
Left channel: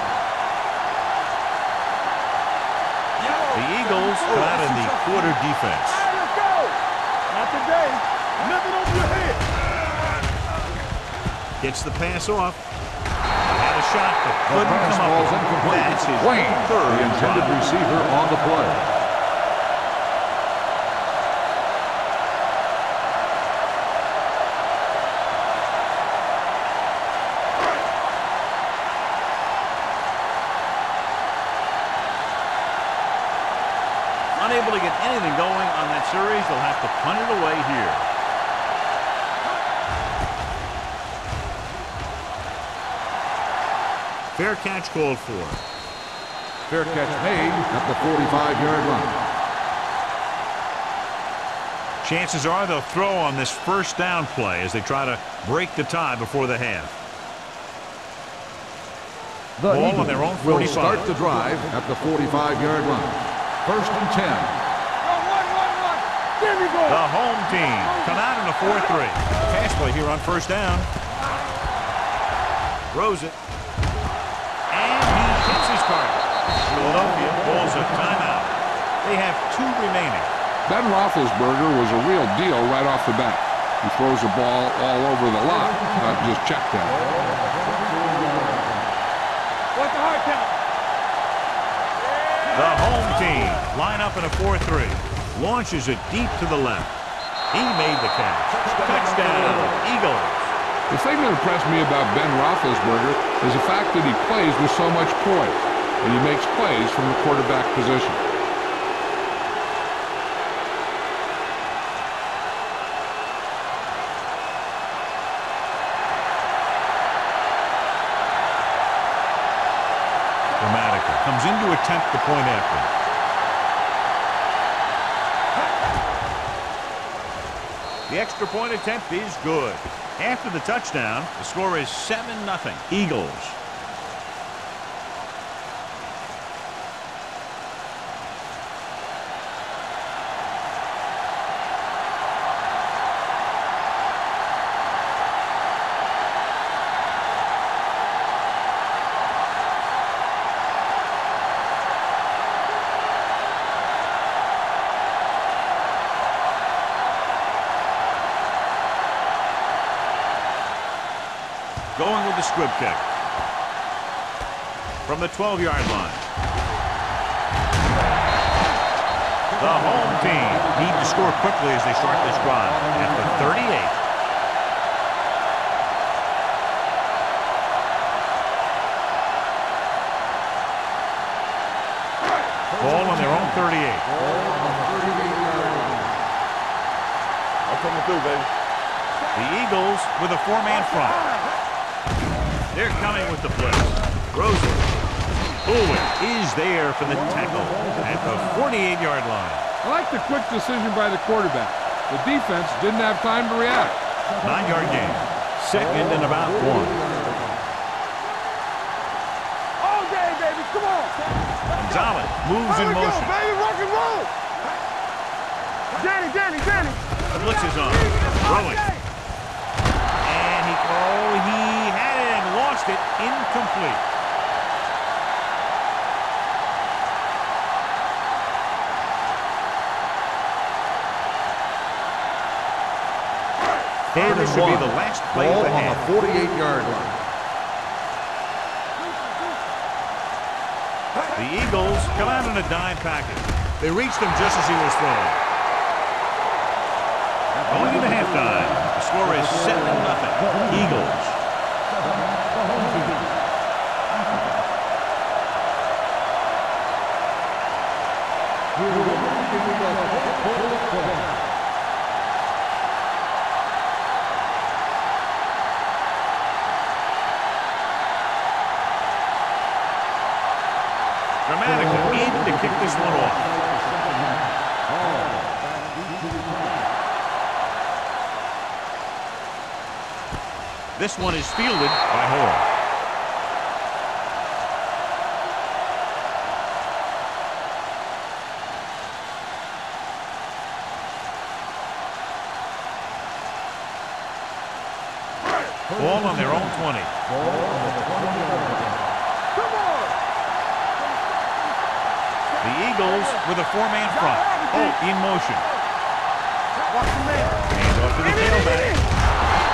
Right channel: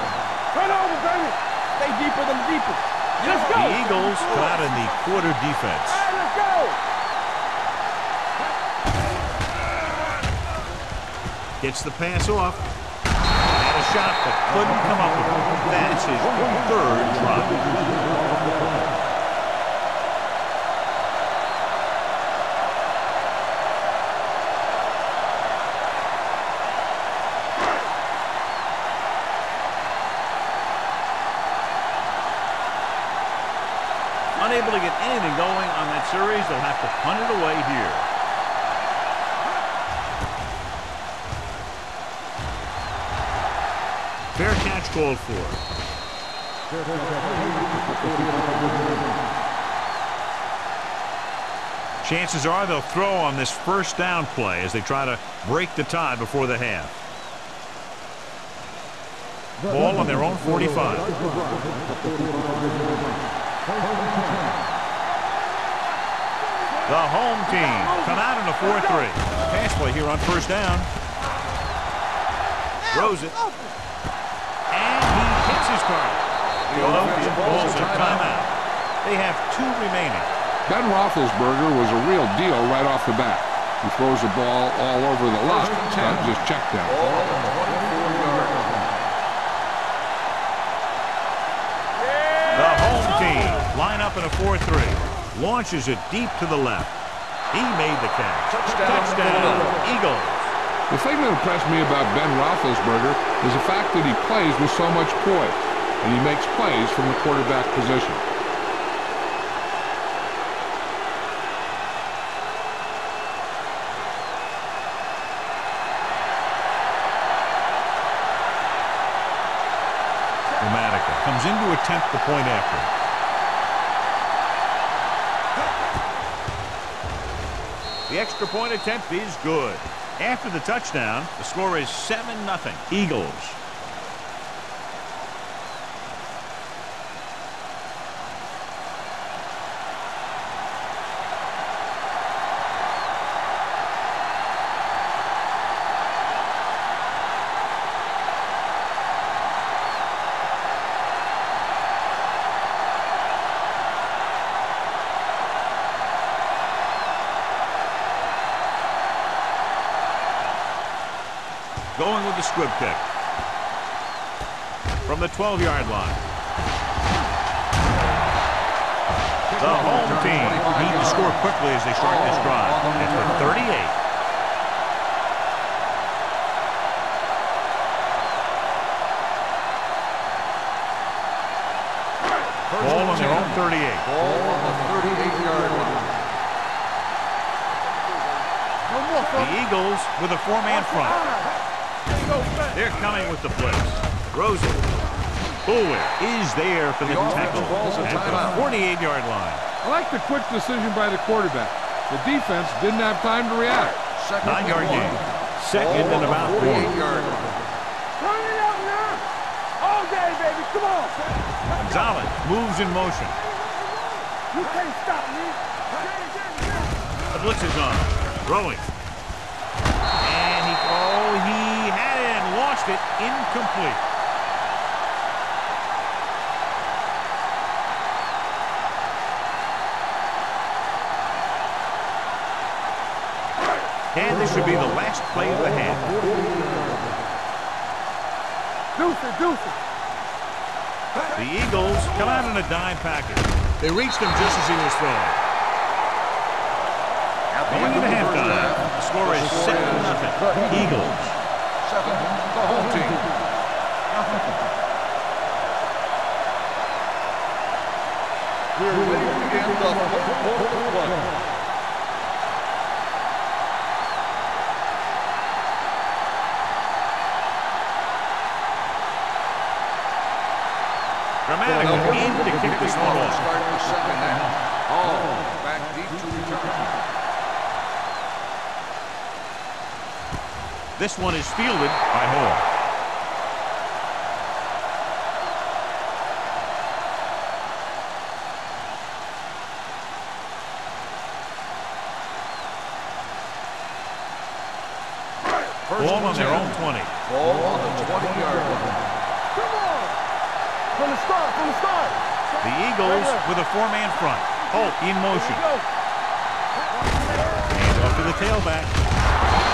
Turn over, baby. Stay deeper than deeper. The Eagles come out in the quarter defense. All right, let's go. Not today. Nothing over there. Gets the pass off. Had a shot, but couldn't come up with it. That's his third drop. Receiver on the play. Unable to get anything going on that series, they'll have to punt it away here. Fair catch called for. Fair catch made at the 45-yard line. Chances are they'll throw on this first down play as they try to break the tie before the half. Ball on their own 45. Start the drive at the 45-yard line. First and 10. The home team come out in a 4-3. Pass play here on first down. Throws it. And he hits his target. Philadelphia calls a timeout. They have 2 remaining. Ben Roethlisberger was a real deal right off the bat. He throws the ball all over the lot, not just check down. The home team line up in a 4-3. Launches it deep to the left. He made the catch. Touchdown, Eagles. The thing that impressed me about Ben Roethlisberger is the fact that he plays with so much poise, and he makes plays from the quarterback position. Dramatica comes in to attempt the point after. The extra point attempt is good. After the touchdown, the score is 7-0. Eagles. Going with the squib kick. From the 12-yard line. The home team need to score quickly as they start this drive at the 38. Ball on their own 38. Ball on the 38-yard line. I'm coming through, baby. The Eagles with a 4-man front. They're coming with the blitz. Throws it. Bullwhip is there for the tackle at the 48-yard line. I like the quick decision by the quarterback. The defense didn't have time to react. 9-yard gain. Second and about 1. All day, baby. Come on. Gonzalez moves in motion. Danny. The blitz is on. Throwing. And he had it and lost it. Incomplete. And this should be the last play of the half. 48-yard line. The Eagles come out in a dime package. They reached him just as he was throwing. Going into halftime, the score is 7-0. Eagles. Dramatica in to kick this one off. This one is fielded by Hall. Ball on their own 20. The Eagles with a four-man front. Holt in motion. Hand off to the tailback.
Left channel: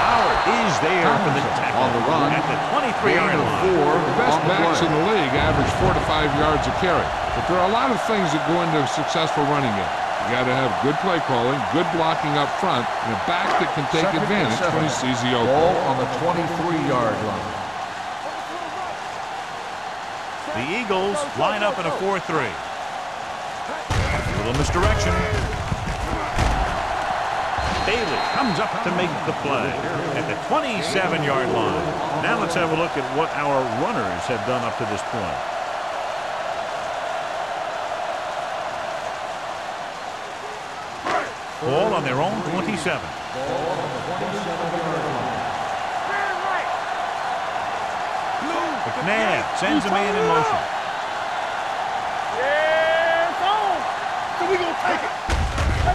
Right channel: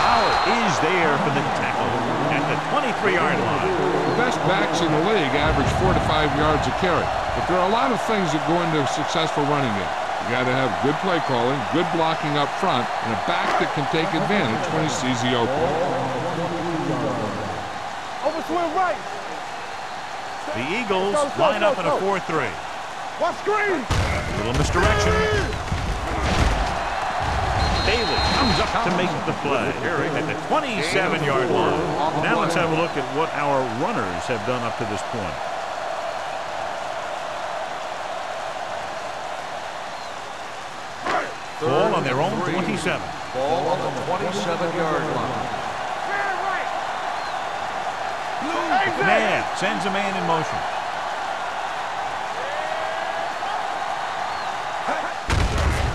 Howard is there for the tackle at the 23-yard line. The best backs in the league average 4 to 5 yards a carry. But there are a lot of things that go into a successful running game. You got to have good play calling, good blocking up front, and a back that can take advantage when he sees the open. Ball on the 23-yard line. The Eagles line up in a 4-3. A little misdirection. Bailey comes up to make the play at the 27-yard line. Now let's have a look at what our runners have done up to this point. Ball on their own 27. Ball on the 27-yard line. McNabb sends a man in motion.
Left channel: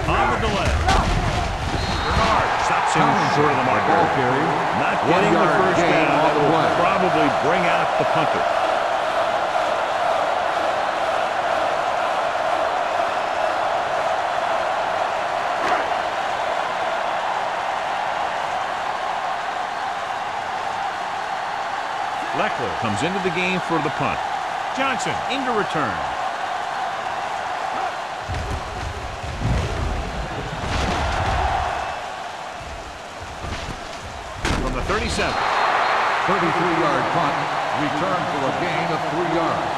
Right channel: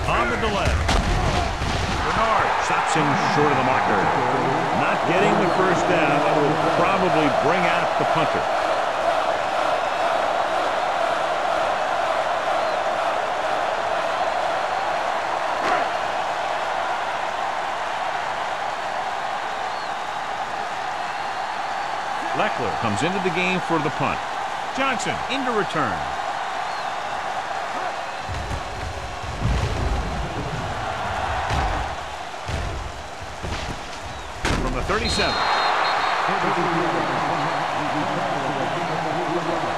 On the delay. Bernard stops him short of the marker. Not getting the first down. That will probably bring out the punter. Leckler comes into the game for the punt. Johnson into return. From the 37. 33-yard punt. Return for a gain of 3 yards.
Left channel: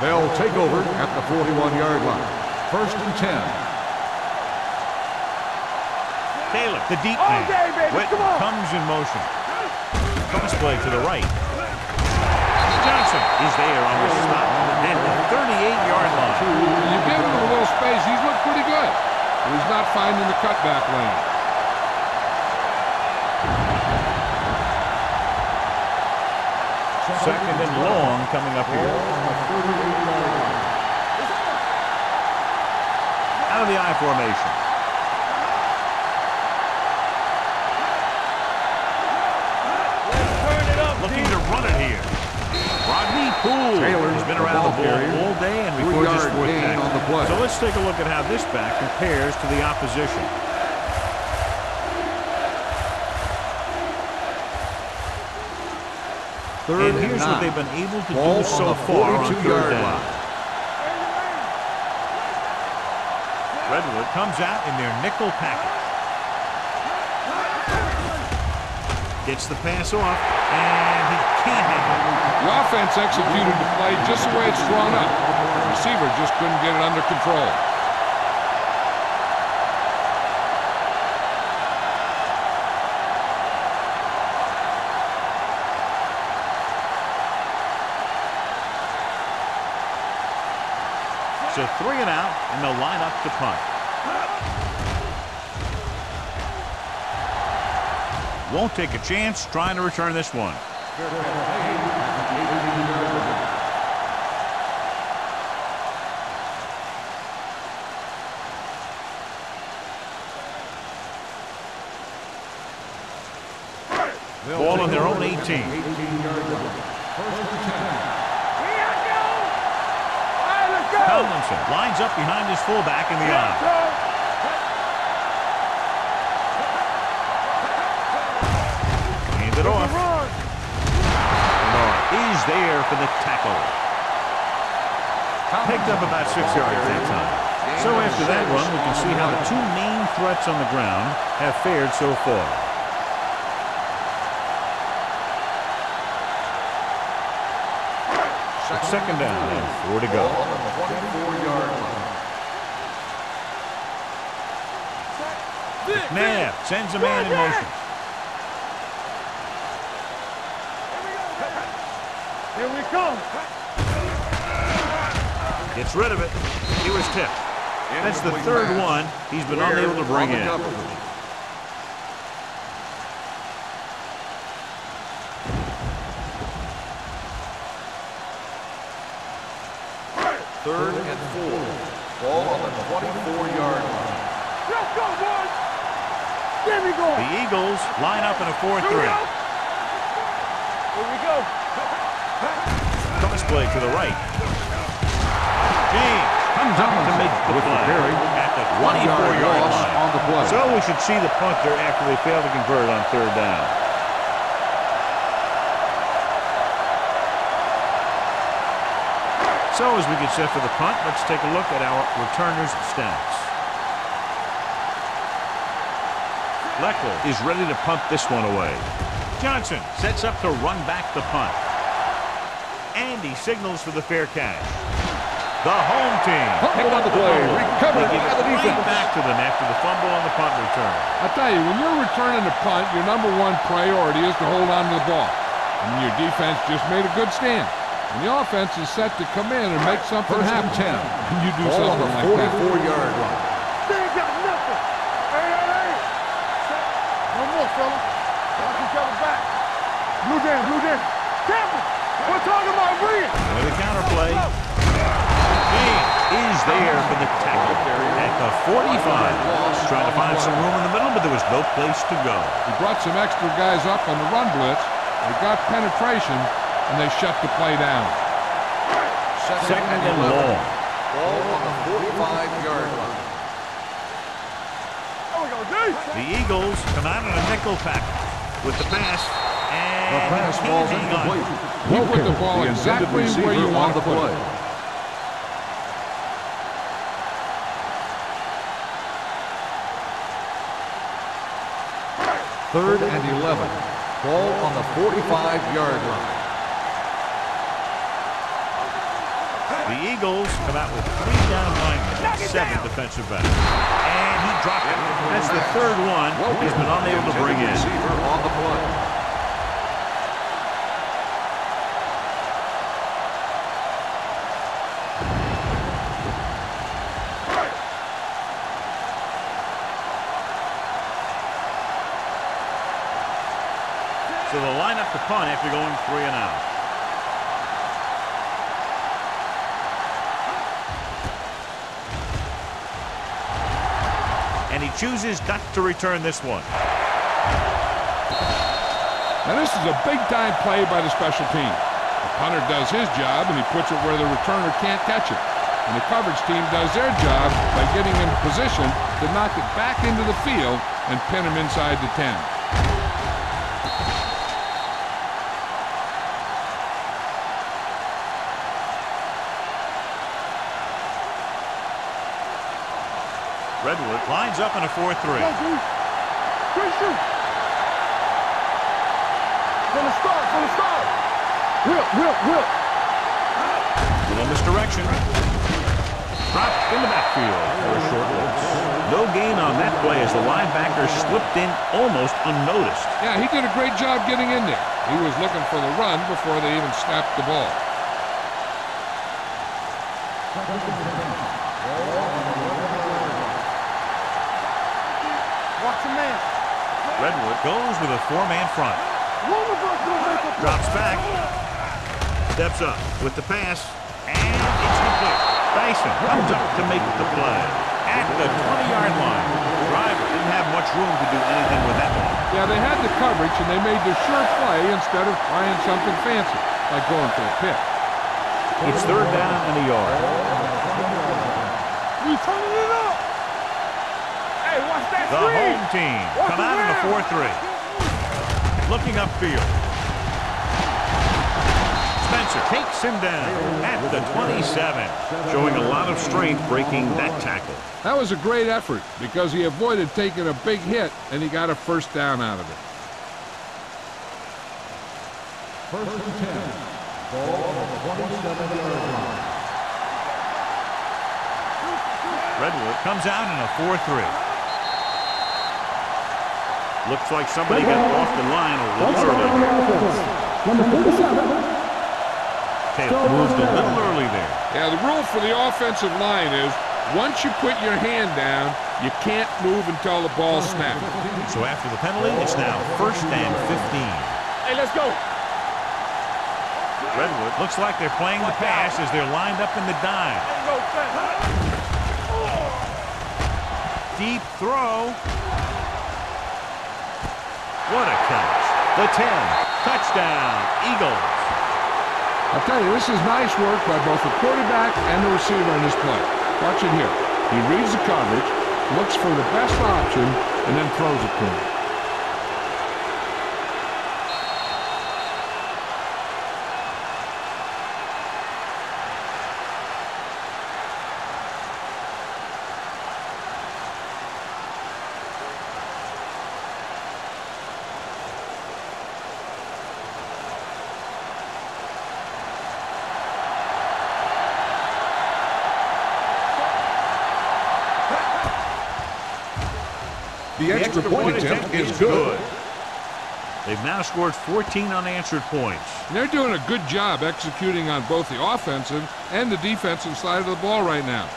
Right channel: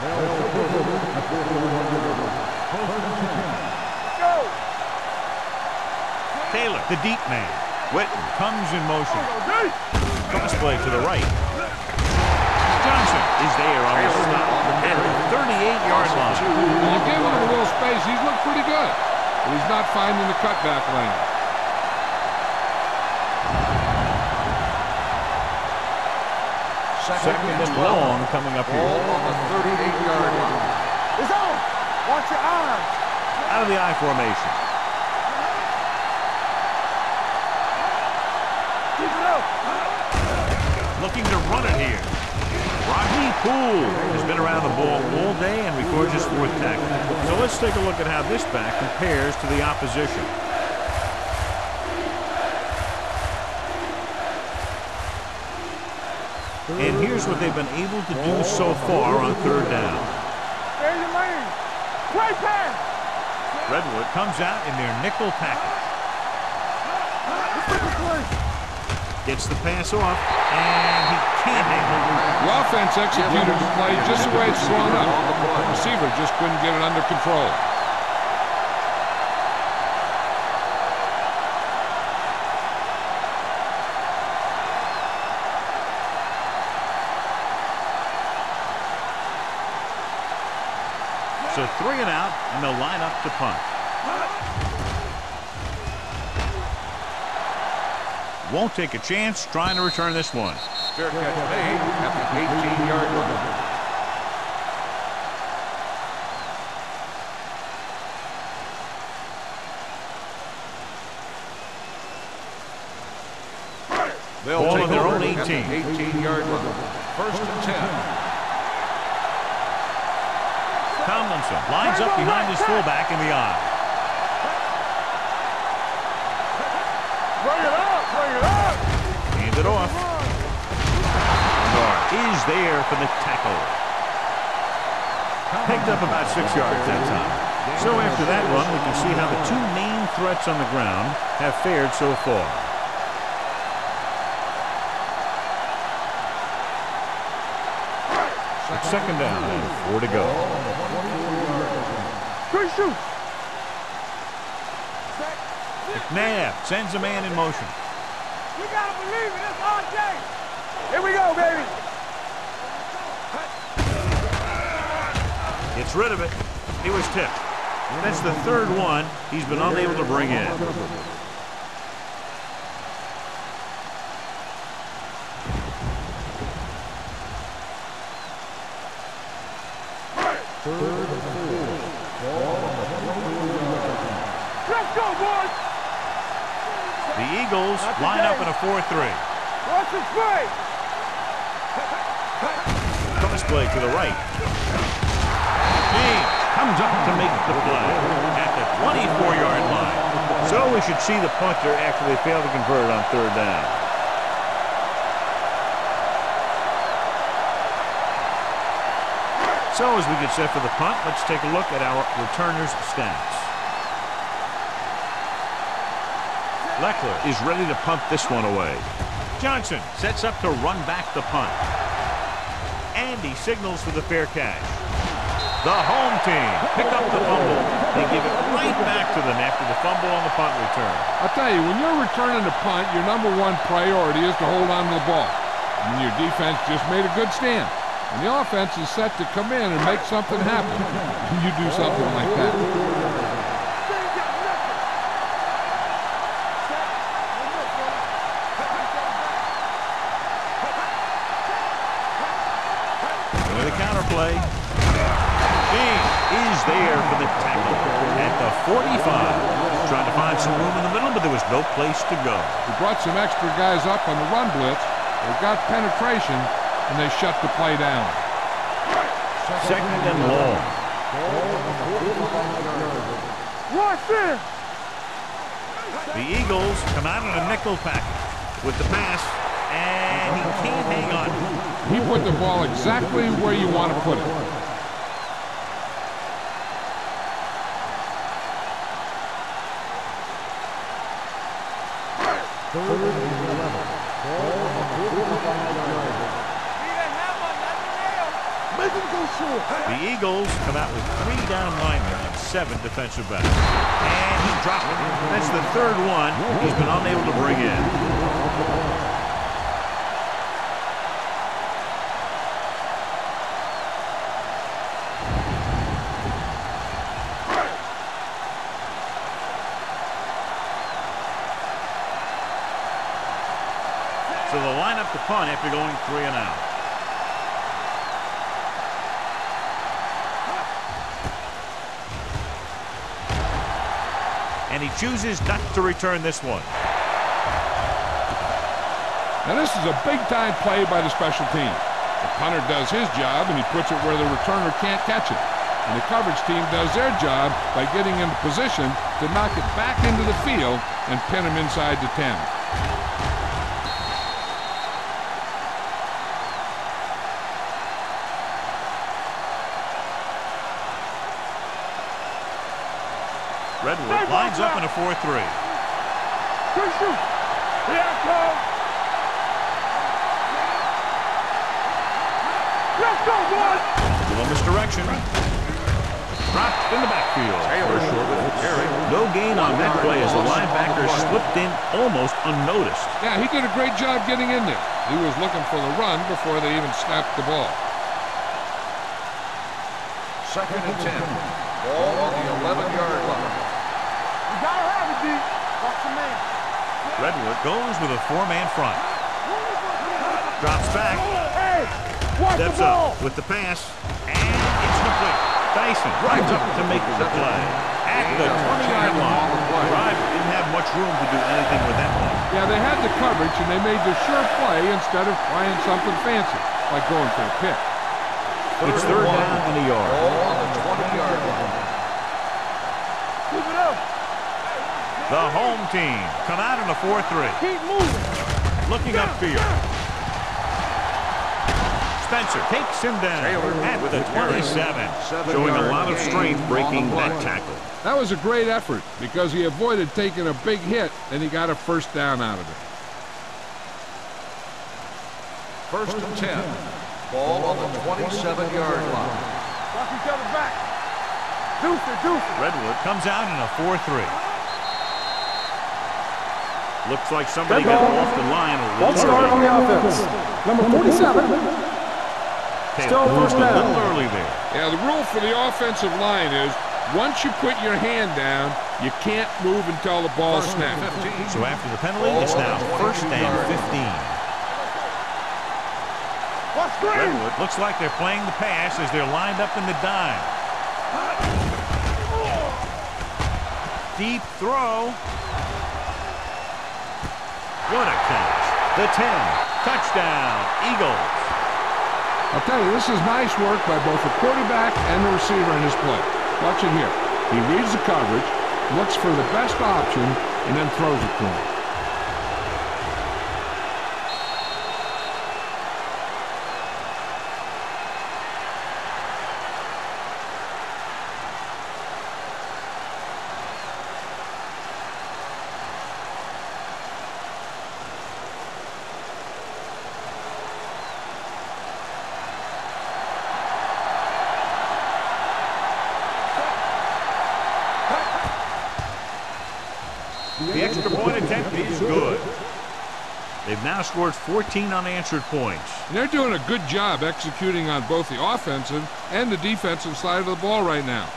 They'll take over at the 41-yard line. 1st and 10. Taylor, the deep man. Witten comes in motion. Crossplay to the right. Johnson is there on the stop at the 38-yard line. When you've given him a little space, he's looked pretty good. But he's not finding the cutback lane. Second and long coming up here. Out of the I formation. Looking to run it here. Rodney Poole has been around the ball all day and records his 4th tackle. So let's take a look at how this back compares to the opposition. And here's what they've been able to do so far on 3rd down. Redwood comes out in their nickel package. Gets the pass off, and he can't hang on. The offense executed the play just the way it's drawn up. The receiver just couldn't get it under control. So 3 and out, and they'll line up to punt. Won't take a chance trying to return this one. Fair catch made at the 18-yard line. Ball on their own 18. 18-yard line. First and 10. Tomlinson lines up behind his fullback in the eye. Hand it off. Bernard is there for the tackle. Picked up about 6 yards that time. So after that run, we can see how the two main threats on the ground have fared so far. It's second down and 4 to go. 24-yard line. McNabb sends a man in motion. Here we go, baby. Here we come. Gets rid of it. He was tipped. That's the third one he's been unable to bring in. Third and 4. Ball on the 24-yard line. Let's go, boys. There we go. The Eagles line up in a 4-3. Watch this play. Here we go. Cross play to the right. James comes up to make the play at the 24-yard line. So we should see the punter after they fail to convert on third down. So as we get set for the punt, let's take a look at our returners' stats. Leckler is ready to punt this one away. Johnson sets up to run back the punt. And he signals for the fair catch. The home team pick up the fumble. They give it right back to them after the fumble on the punt return. I'll tell you, when you're returning the punt, your #1 priority is to hold on to the ball. And your defense just made a good stand. And the offense is set to come in and make something happen. And you do something like that. 44-yard line. They ain't got nothing. Set. One more, fella. Have each other back. Blue down, blue down. We're talking about Williams. With the counterplay. James is there for the tackle at the 45. Trying to find some room in the middle, but there was no place to go. He brought some extra guys up on the run blitz. They got penetration, and they shut the play down. Second and long. Ball on the 45-yard line. Watch this. The Eagles come out in a nickel package with the pass, and he can't hang on. He put the ball exactly where you want to put it. Third and 11. Ball on the 45-yard line. The Eagles come out with 3 down linemen and 7 defensive backs. And he dropped it. That's the third one he's been unable to bring in. So they'll line up the punt after going 3 and out. And he chooses not to return this one. Now this is a big-time play by the special team. The punter does his job, and he puts it where the returner can't catch it. And the coverage team does their job by getting into position to knock it back into the field and pin him inside the 10. Redwood lines up in a 4-3. Good shoot. Yeah, Paul. From the start, from the start. Whip. Let's go, boy. Little misdirection. Dropped in the backfield for a short loss. No gain on that play as the linebacker slipped in almost unnoticed. Yeah, he did a great job getting in there. He was looking for the run before they even snapped the ball. Second and 10. Ball on the 11-yard line. You gotta have it, D. Watch the man. Redwood goes with a 4-man front. Drops back. Steps up with the pass. And it's complete. Dyson comes up to make the play. At the 20-yard line. Driver didn't have much room to do anything with that one. Yeah, they had the coverage, and they made the sure play instead of trying something fancy, like going for a pick. It's third down and a yard. The home team come out in a 4-3. Looking upfield. Spencer takes him down at the 27. Showing a lot of strength breaking that tackle. That was a great effort because he avoided taking a big hit, and he got a first down out of it. 1st and 10. Ball on the 27-yard line. Redwood comes out in a 4-3. Looks like somebody got off the line a little early here. Number 47. Taylor moved a little early there. Yeah, the rule for the offensive line is once you put your hand down, you can't move until the ball snaps. So after the penalty, it's now 1st and 15. Hey, let's go. Redwood looks like they're playing the pass as they're lined up in the dime. Deep throw. What a catch. The 10. Touchdown, Eagles. I'll tell you, this is nice work by both the quarterback and the receiver in this play. Watch it here. He reads the coverage, looks for the best option, and then throws it to him. The extra point attempt is good. They've now scored 14 unanswered points. And they're doing a good job executing on both the offensive and the defensive side of the ball right now.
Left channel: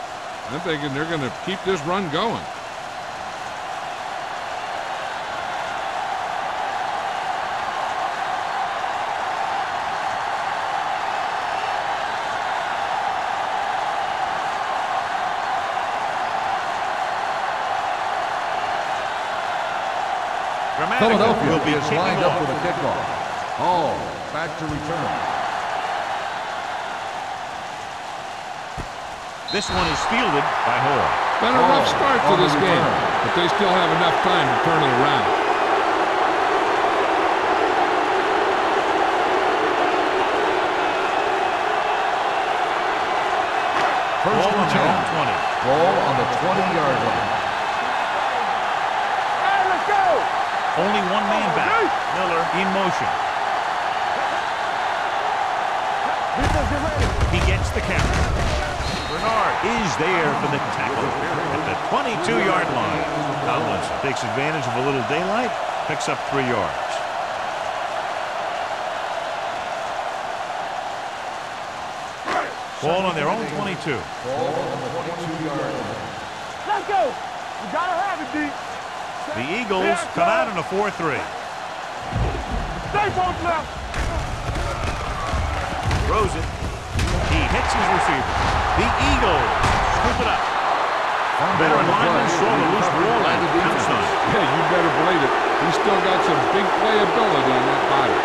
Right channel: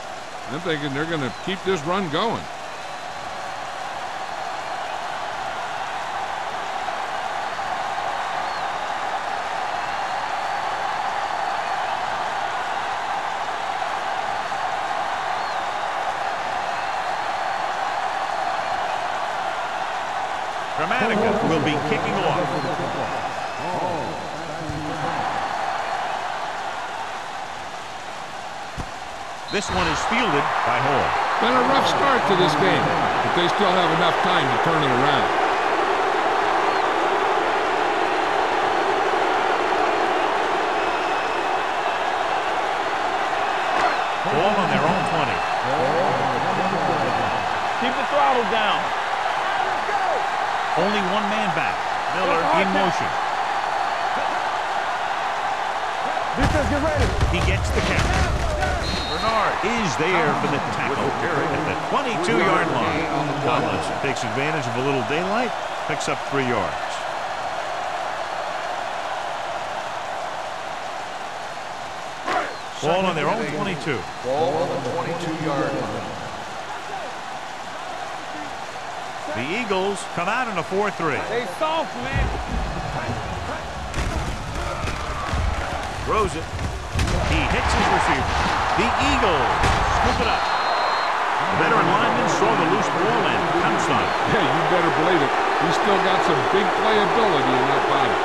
I'm thinking they're going to keep this run going. Grammatical will be kicking off. Hall back to return. This one is fielded by Hall. Been a rough start to this game, but they still have enough time to turn it around. Ball on their own 20. Ball on the 20-yard line. Keep the throttle down. All right, let's go. Only one man back. Miller in motion. Defense, get ready. He gets the count. Bernard is there for the tackle at the 22-yard line. Tomlinson takes advantage of a little daylight, picks up 3 yards. Ball on their own 22. Ball on the 22-yard line. Let's go. You gotta have it, D. The Eagles come out in a 4-3. Stay soft, man. Stay focused. Throws it. He hits his receiver. The Eagles scoop it up. Veteran lineman saw the loose ball and pounced on it. Yeah, you better believe it. He's still got some big playability in that body.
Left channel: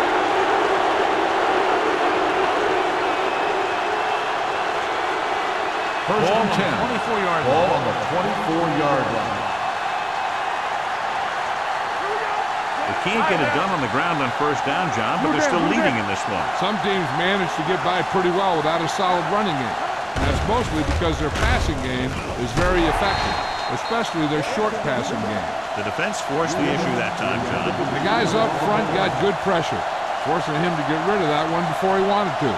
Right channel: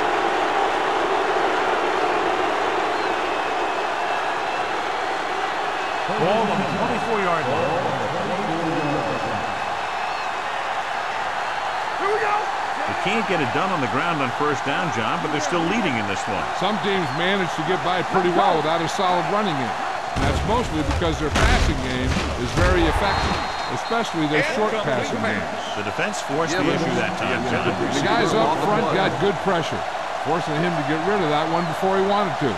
Ball on the 24-yard line. Ball on the 24-yard line. Here we go. They can't get it done on the ground on first down, John, but they're still leading in this one. Some teams manage to get by pretty well without a solid running game. And that's mostly because their passing game is very effective, especially their short passing game. The defense forced the issue that time, John. The guys up front got good pressure, forcing him to get rid of that one before he wanted to.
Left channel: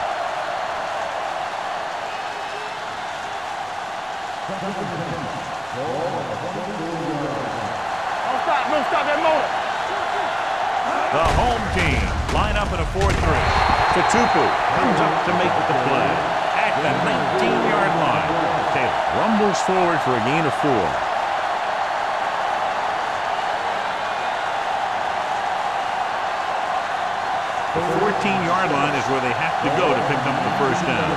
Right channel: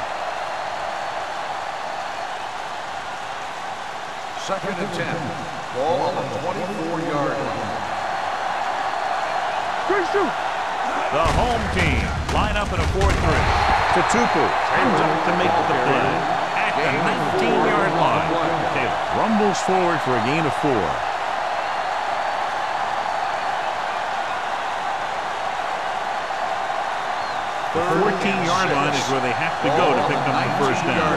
2nd and 10. Ball on the 24-yard line. No stop that motor. Shoot. The home team line up in a 4-3. Tatupu comes up to make the play at the 19-yard line. Taylor rumbles forward for a gain of 4. The 14-yard line is where they have to go to pick up the first down.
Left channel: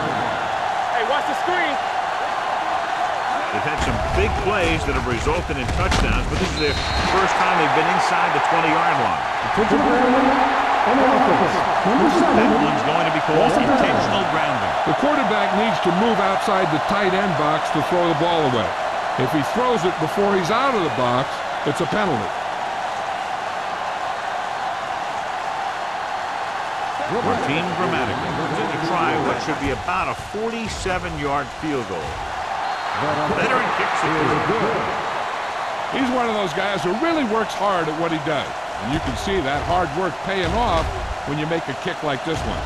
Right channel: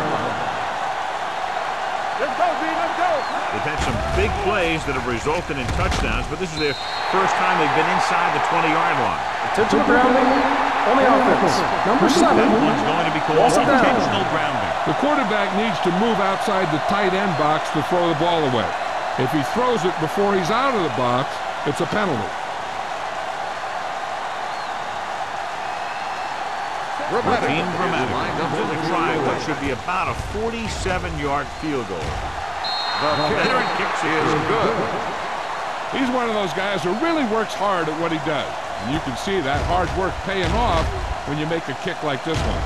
Hey, watch the screen. Let's go, B. Let's go. They've had some big plays that have resulted in touchdowns, but this is their first time they've been inside the 20-yard line. Intentional grounding on the offense. Number 7. That one's going to be called intentional grounding. The quarterback needs to move outside the tight end box to throw the ball away. If he throws it before he's out of the box, it's a penalty. Martin Grammatica comes in to try what should be about a 47-yard field goal. Veteran kicks it through. He's one of those guys who really works hard at what he does. And you can see that hard work paying off when you make a kick like this one.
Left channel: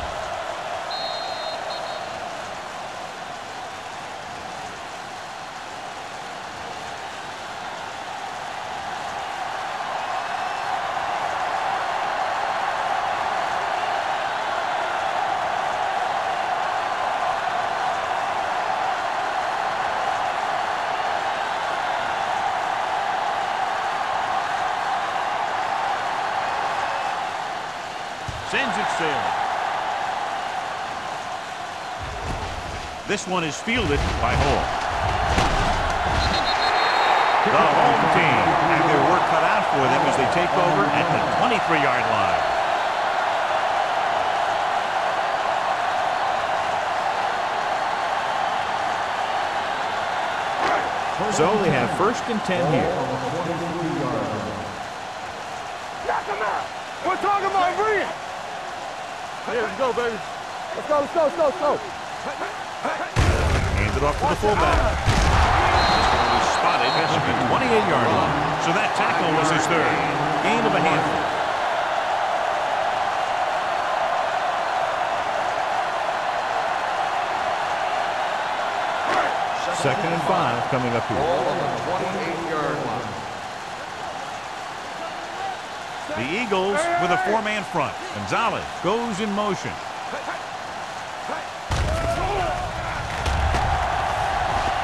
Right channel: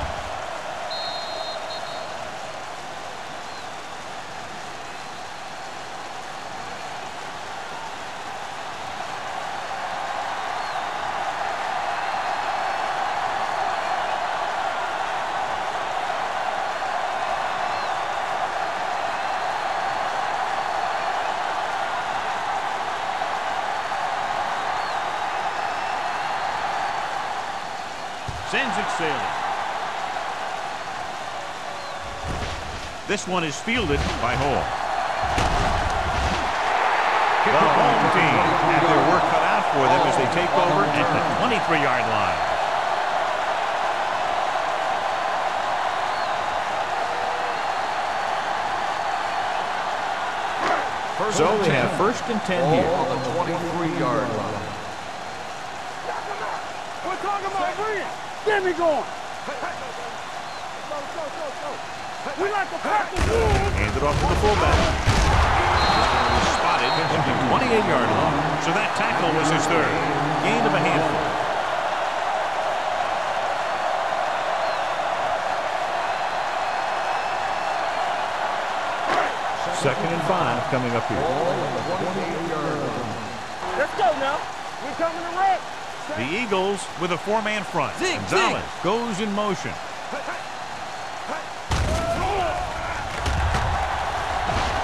Sends it sailing. This one is fielded by Hall. The home team have their work cut out for them as they take over at the 23-yard line. So they have 1st and 10 here. Knock him out. We're talking about Bree. Get me going. Let's go, baby. Let's go, let's go, let's go, let's go. We like to practice. Hand it off to the fullback. This one will be spotted at the 28-yard line. So that tackle was his 3rd. Gain of a handful. Second and 5 coming up here. Ball on the 28-yard line. Let's go now. We're coming to wreck. The Eagles with a 4-man front. Gonzalez goes in motion.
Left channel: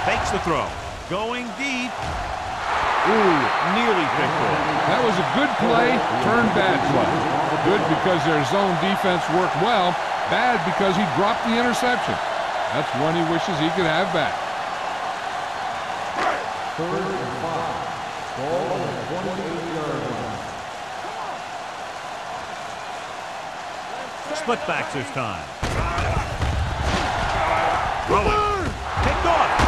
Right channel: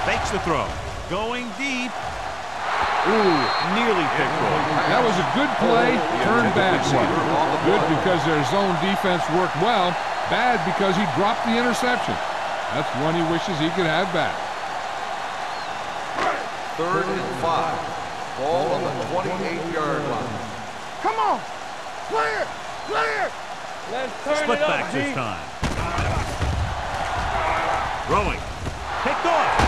Fakes the throw. Going deep. Ooh, nearly picked off. That was a good play, turned bad play. Good because their zone defense worked well. Bad because he dropped the interception. That's one he wishes he could have back. 3rd and 5. Ball on the 28-yard line. Come on. Clear. Clear. Let's turn Split it up, backs this B. time. Throwing. Picked off.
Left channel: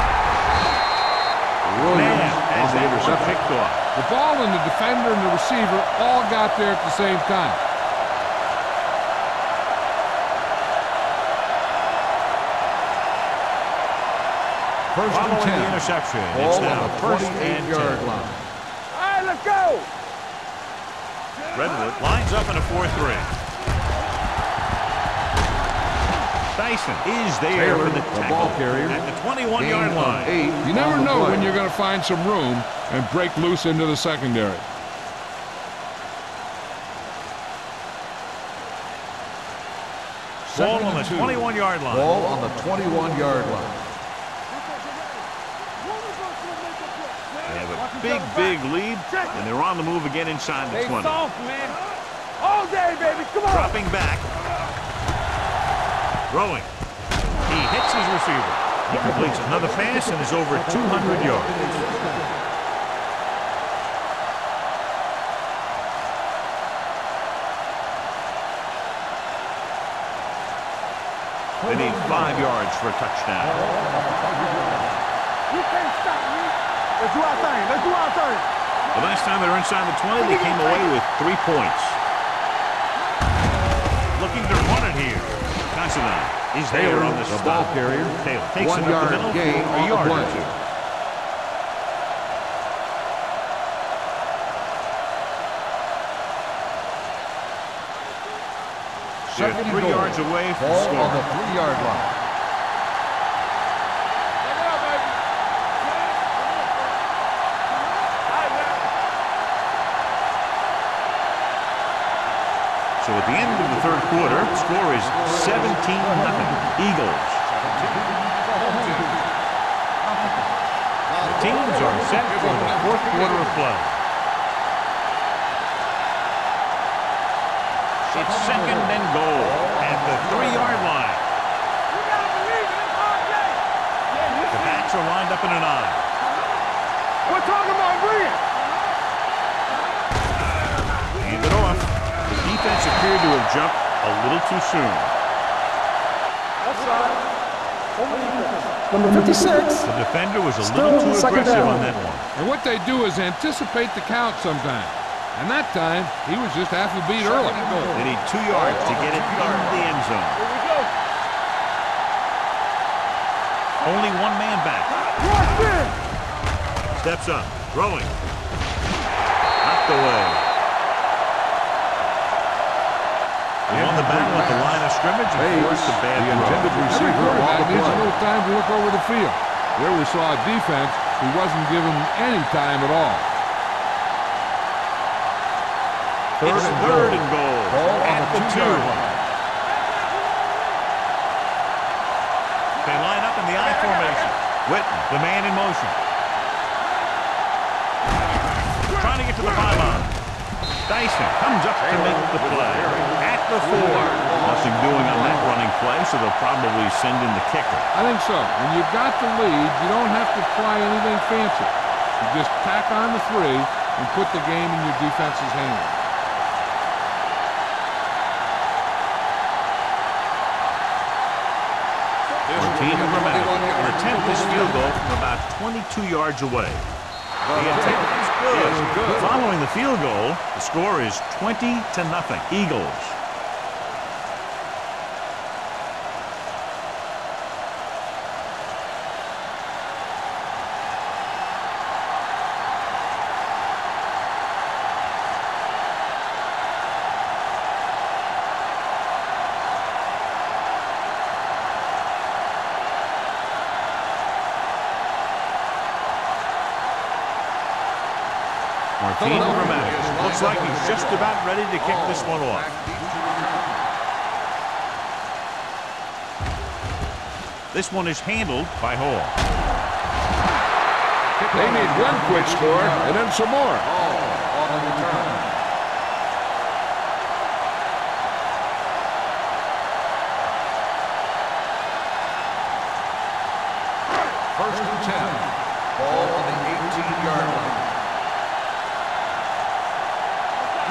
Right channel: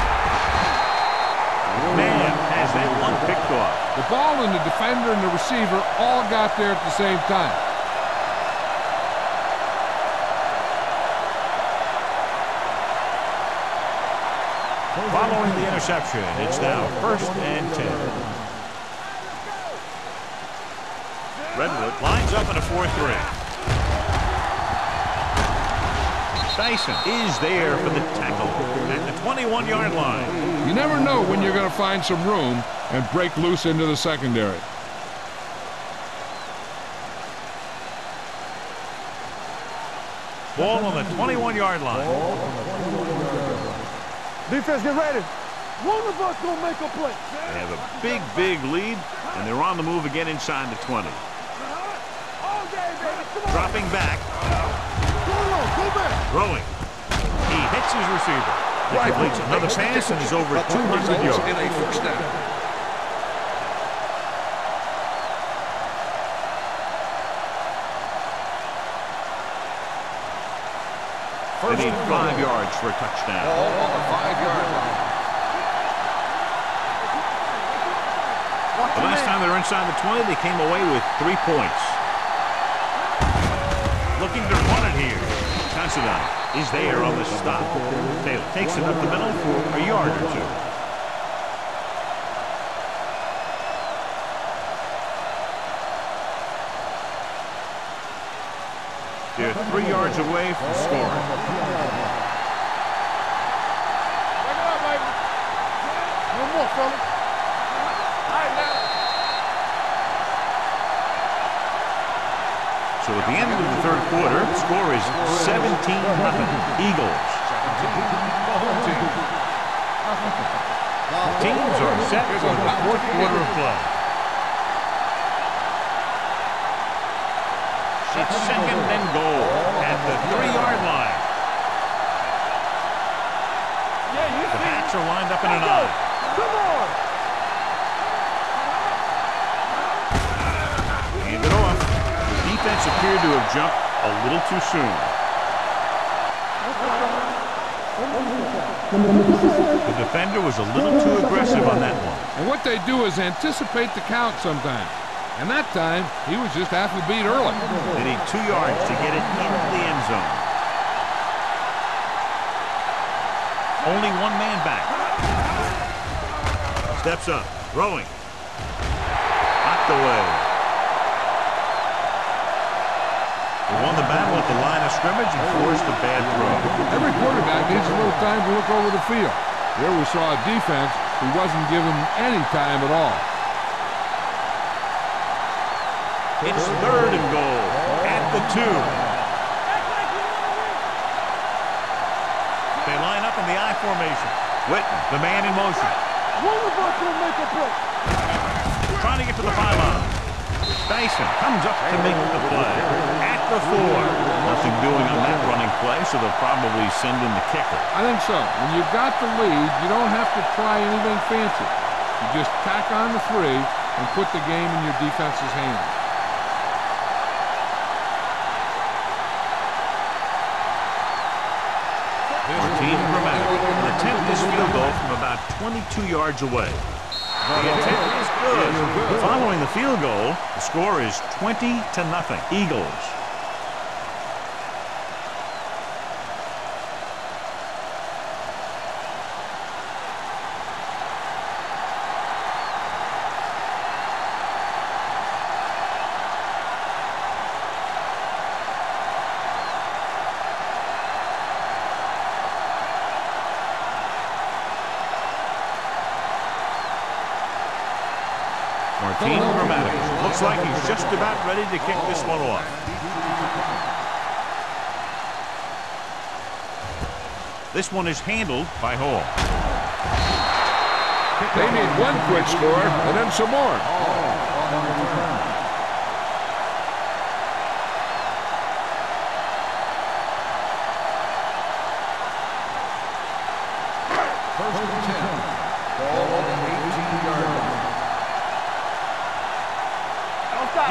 Man has that one picked off. The ball and the defender and the receiver all got there at the same time. Following the interception, it's now 1st and 10. All right, let's go. Redwood lines up in a 4-3. Dyson is there for the tackle at the 21-yard line. You never know when you're going to find some room and break loose into the secondary. Ball on the 21-yard line. Ball on the 21-yard line. Defense, get ready. One of us gonna make a play. They have a big lead, and they're on the move again inside the 20. All day, baby. Come on. Dropping back. Throwing. He hits his receiver. He completes another pass and is over 200 yards. In a first down. They need 5 yards for a touchdown. Let's do our thing. Let's do our thing. The last time they were inside the 20, they came away with 3 points. Looking to run it here. Considine is there on the stop. Taylor takes it up the middle for a yard or 2. They're 3 yards away from scoring. 3-yard line. Back it up, baby. No more, fella. All right, now. So at the end of the 3rd quarter, the score is 17-0. Eagles. 17, the home team. The teams are set for the 4th quarter of play. It's second and goal at the 3-yard line. The backs are lined up in an I. We're talking about Green. Hand it off. The defense appeared to have jumped a little too soon. Number 56. The defender was a little too aggressive on that one. And what they do is anticipate the count sometimes. And that time, he was just half a beat early. They need 2 yards to get it into the end zone. Only one man back. Steps up, throwing. Knocked away. They won the battle at the line of scrimmage and forced a bad throw. Every quarterback needs a little time to look over the field. There we saw a defense who wasn't given any time at all. It's third and goal at the 2. They line up in the I formation. Witten, the man in motion. Trying to get to the pylon. Dyson comes up to make the play. At the 4. Nothing doing on that running play, so they'll probably send in the kicker. I think so. When you've got the lead, you don't have to try anything fancy. You just tack on the 3 and put the game in your defense's hands. Martin Gramatic will attempt this field goal from about 22 yards away. The attempt is good. Following the field goal, the score is 20-0. Eagles. Martin Gramatic looks like he's just about ready to kick this one off. This one is handled by Hall. They need one quick score and then some more. On the return. First and 10. Ball on the 18-yard line.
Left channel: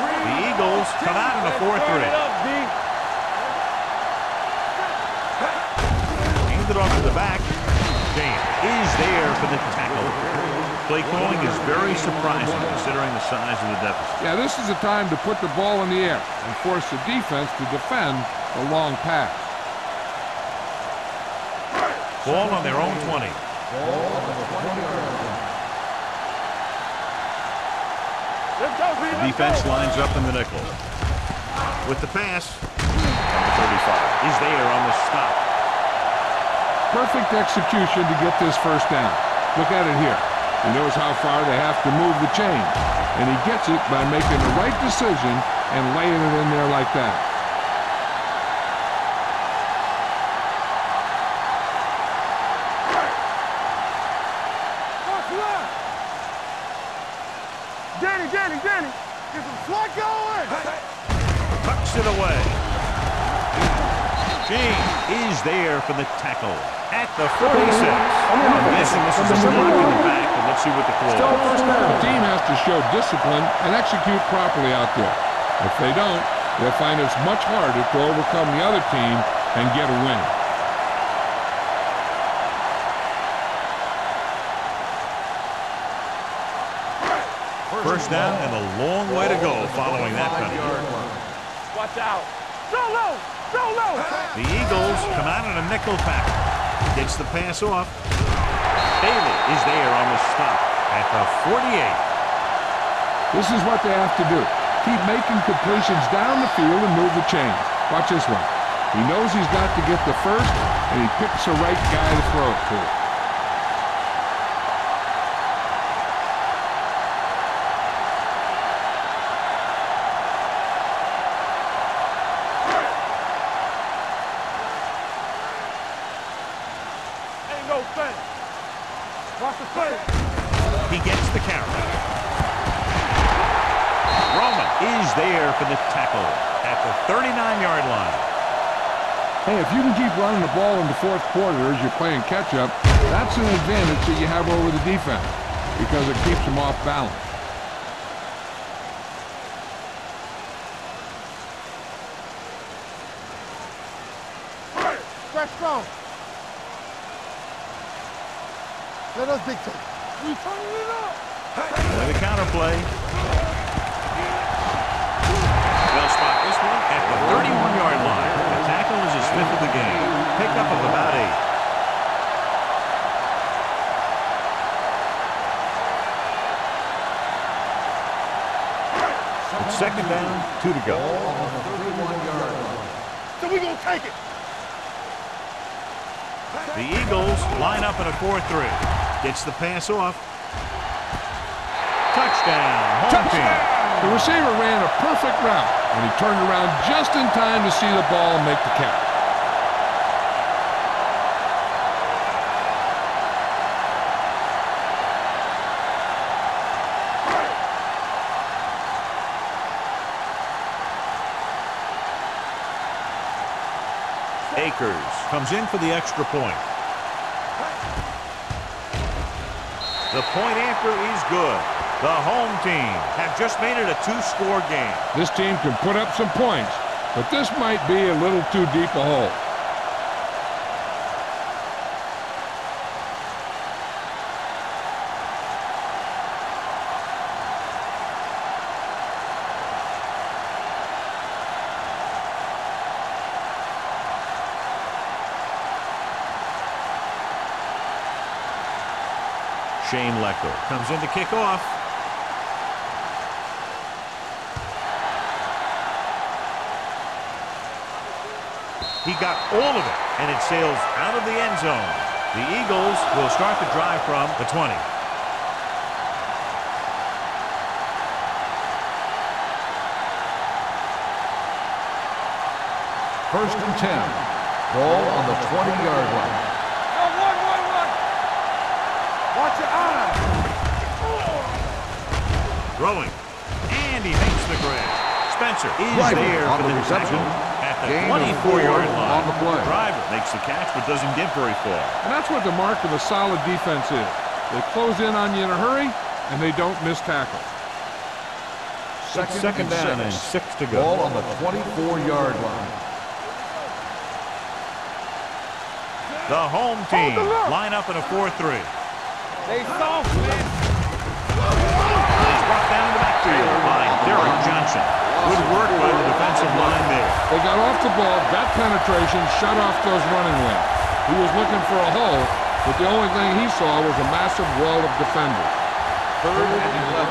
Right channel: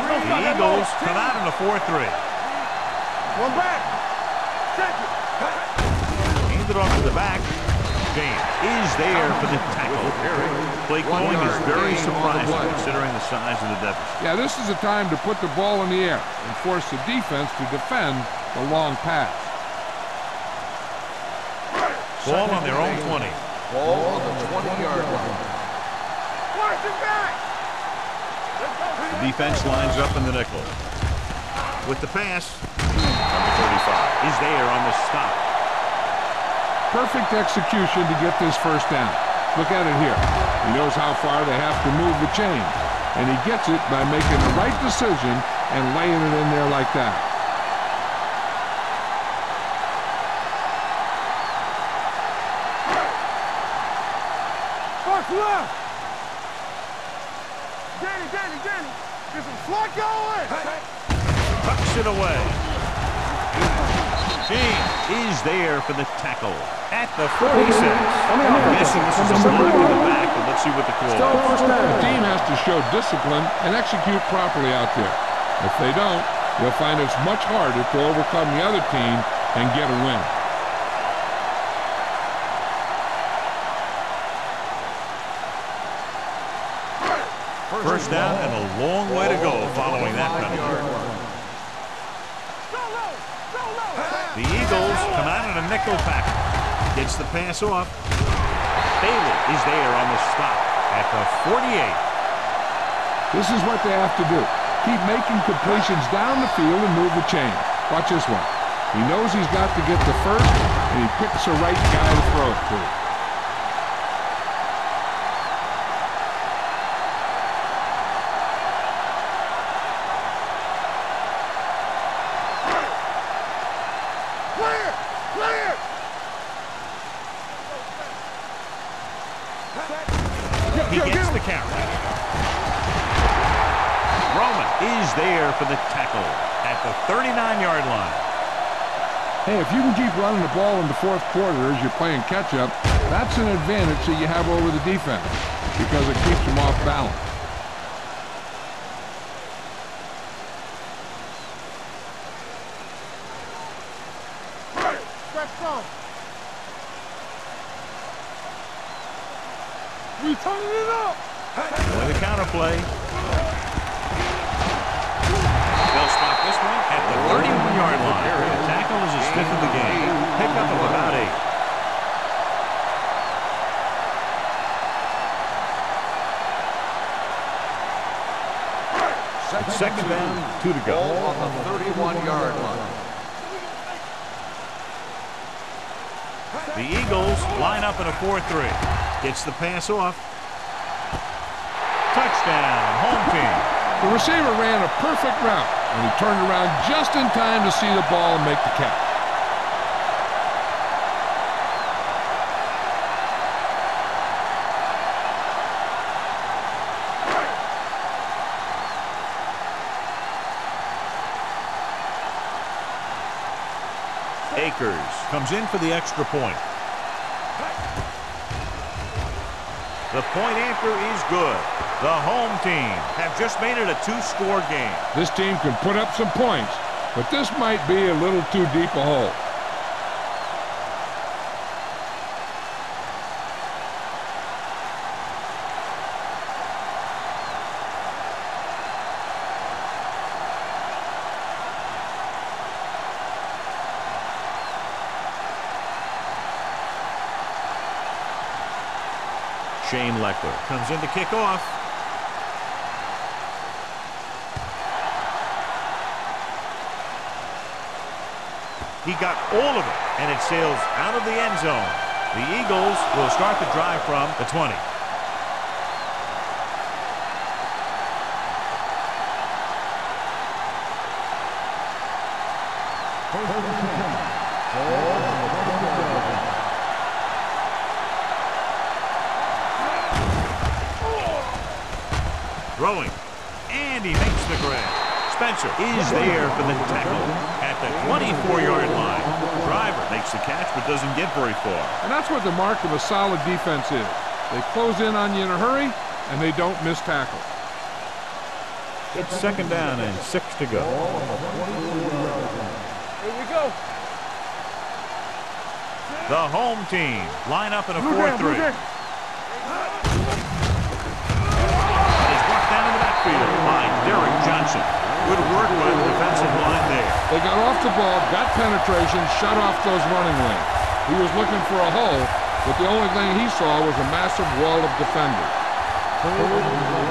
The Eagles come out in a 4-3. Handed off to the back. James is there for the tackle. Play calling is very surprising considering the size of the deficit. Yeah, this is the time to put the ball in the air and force the defense to defend the long pass. Ball on their own 20. Ball on the 20-yard line. The defense lines up in the nickel. With the pass, number 35 is there on the stop. Perfect execution to get this first down. Look at it here. He knows how far they have to move the chain, and he gets it by making the right decision and laying it in there like that. Danny, get some slot going. Tucks it away. James is there for the tackle at the 46. I'm guessing this is a block in the back, but let's see what the call Still is. first down. The team has to show discipline and execute properly out there. If they don't, they'll find it's much harder to overcome the other team and get a win. First down and a long way to go following that penalty. Watch out. Go low. The Eagles come out in a nickel package. Gets the pass off. Bailey is there on the stop at the 48. This is what they have to do. Keep making completions down the field and move the chains. Watch this one. He knows he's got to get the first, and he picks the right guy to throw it to. He gets the carry. Roman is there for the tackle at the 39-yard line. Hey, if you can keep running the ball in the fourth quarter as you're playing catch-up, that's an advantage that you have over the defense because it keeps them off balance. Stretch strong. Let us dictate. We turning it up. With a counter play. They'll spot this one at the 31-yard line. The tackle is his 5th of the game. Pickup of about 8. It's second down, 2 to go. Ball on the 31-yard line. So we gonna take it. The Eagles line up in a 4-3. Gets the pass off. Touchdown, home team. The receiver ran a perfect route, and he turned around just in time to see the ball and make the catch. Akers comes in for the extra point. The point after is good. The home team have just made it a 2-score game. This team can put up some points, but this might be a little too deep a hole. Shane Leckler comes in to kick off. He got all of it, and it sails out of the end zone. The Eagles will start the drive from the 20. First and 10. Ball on the 20-yard line. Throwing, and he makes the grab. Spencer is there for the tackle at the 24-yard line. Driver makes the catch but doesn't get very far. And that's what the mark of a solid defense is. They close in on you in a hurry, and they don't miss tackles. It's second down and 6 to go. Ball on the 24-yard line. The home team line up in a 4-3. Brought down in the backfield by Derek Johnson. Good work by the defensive line there. They got off the ball, got penetration, shut off those running lanes. He was looking for a hole, but the only thing he saw was a massive wall of defenders. Third and 11.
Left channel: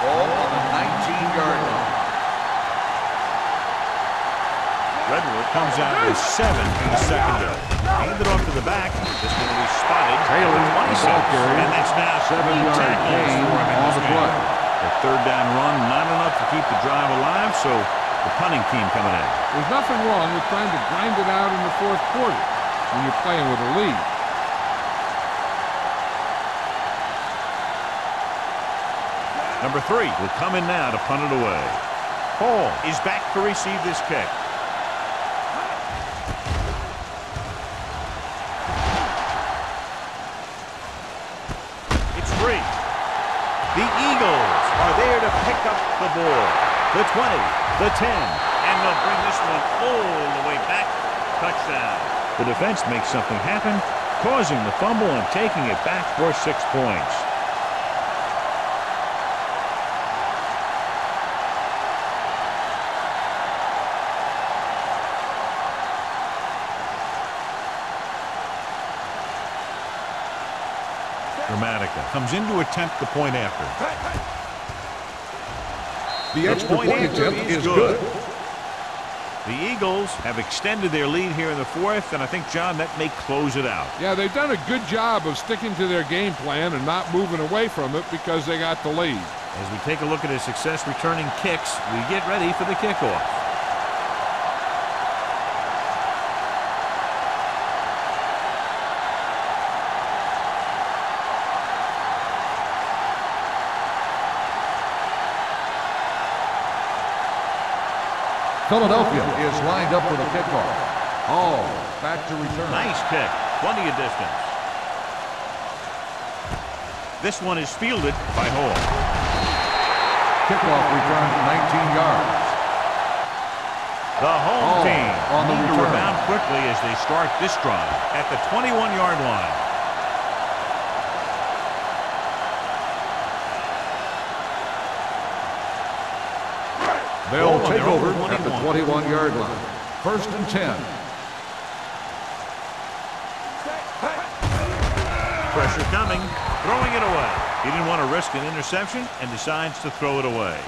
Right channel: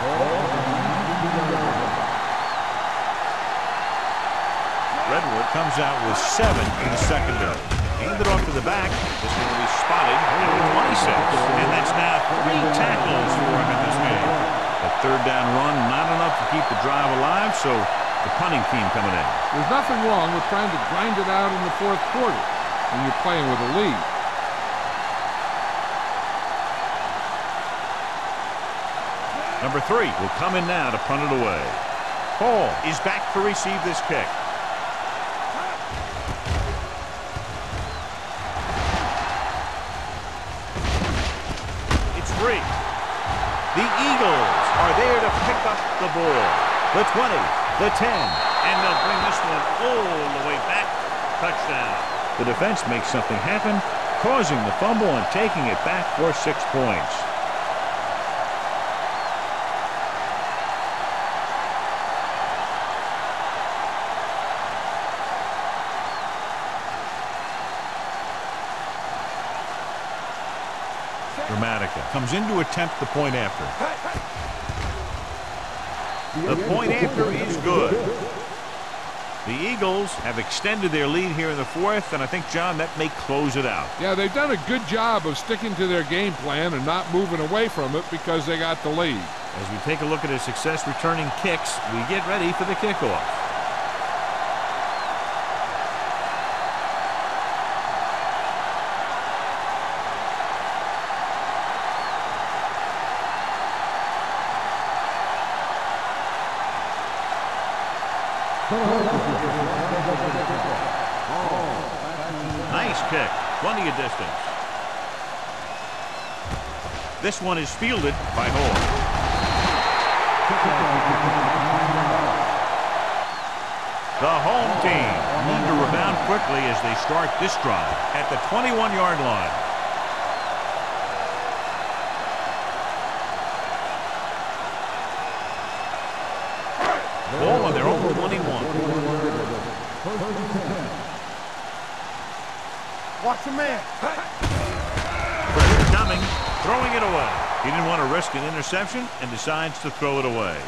Ball on the 19-yard line. Redwood comes out with 7 in the secondary. Handed off to the back. This one will be spotted at the 26. And that's now 3 tackles for him in this game. That third down run, not enough to keep the drive alive, so the punting team coming in. There's nothing wrong with trying to grind it out in the fourth quarter when you're playing with a lead. Number 3 will come in now to punt it away. Hall is back to receive this kick. It's free. The Eagles are there to pick up the ball. The 20, the 10, and they'll bring this one all the way back. Touchdown. The defense makes something happen, causing the fumble and taking it back for 6 points. Dramatica comes in to attempt the point after. The point after is good. The Eagles have extended their lead here in the fourth, and I think, John, that may close it out. Yeah, they've done a good job of sticking to their game plan and not moving away from it because they got the lead. As we take a look at his success returning kicks, we get ready for the kickoff. Philadelphia is lined up for the kickoff. Hall back to return. Nice kick. Plenty of distance. This one is fielded by Hall. Kickoff return 19 yards. The home team need to rebound quickly as they start this drive at the 21-yard line. They'll take over at the 21-yard line. First and 10. Watch your man. Pressure coming, throwing it away. He didn't want to risk an interception and decides to throw it away.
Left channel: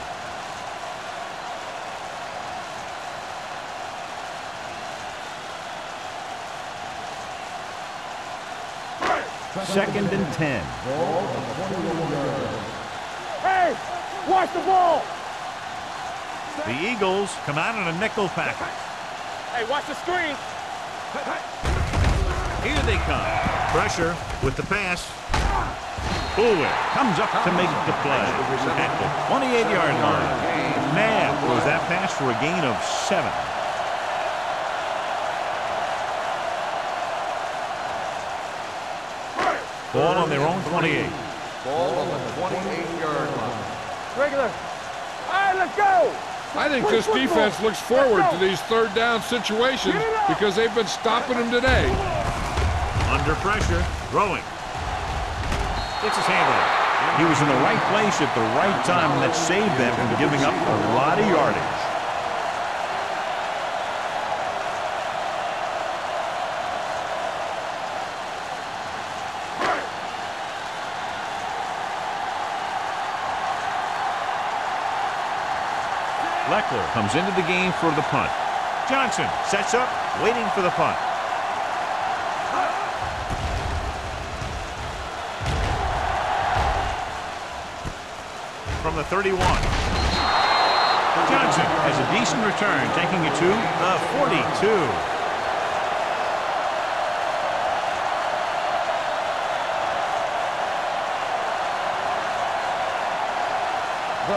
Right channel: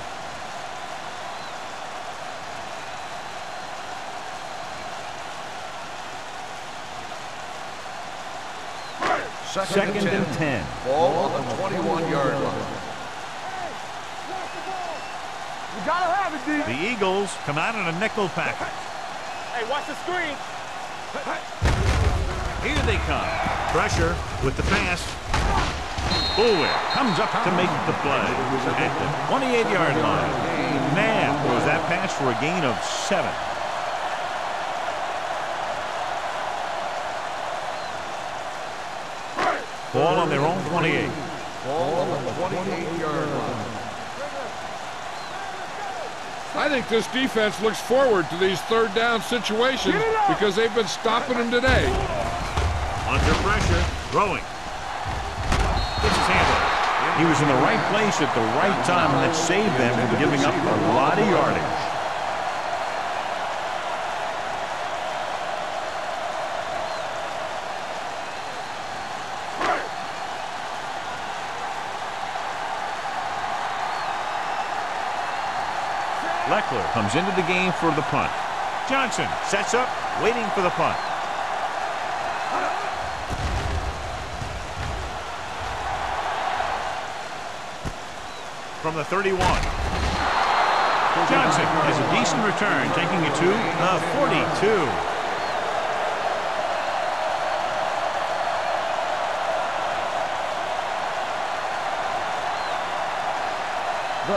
Second and 10. Ball on the 21-yard line. Hey, watch the ball. You gotta have it, D. The Eagles come out in a nickel package. Hey, watch the screen. Here they come. Pressure with the pass. Boulware comes up to make the play at the 28-yard line. Knapp throws that pass for a gain of 7. Ball on their own 28. Ball on the 28-yard line. Regular. All right, let's go. I think this defense looks forward to these third down situations because they've been stopping them today. Under pressure, throwing. Gets his hand on it. He was in the right place at the right time, and that saved them from giving up a lot of yardage. Leckler comes into the game for the punt. Johnson sets up, waiting for the punt. From the 31. Johnson has a decent return, taking it to the 42.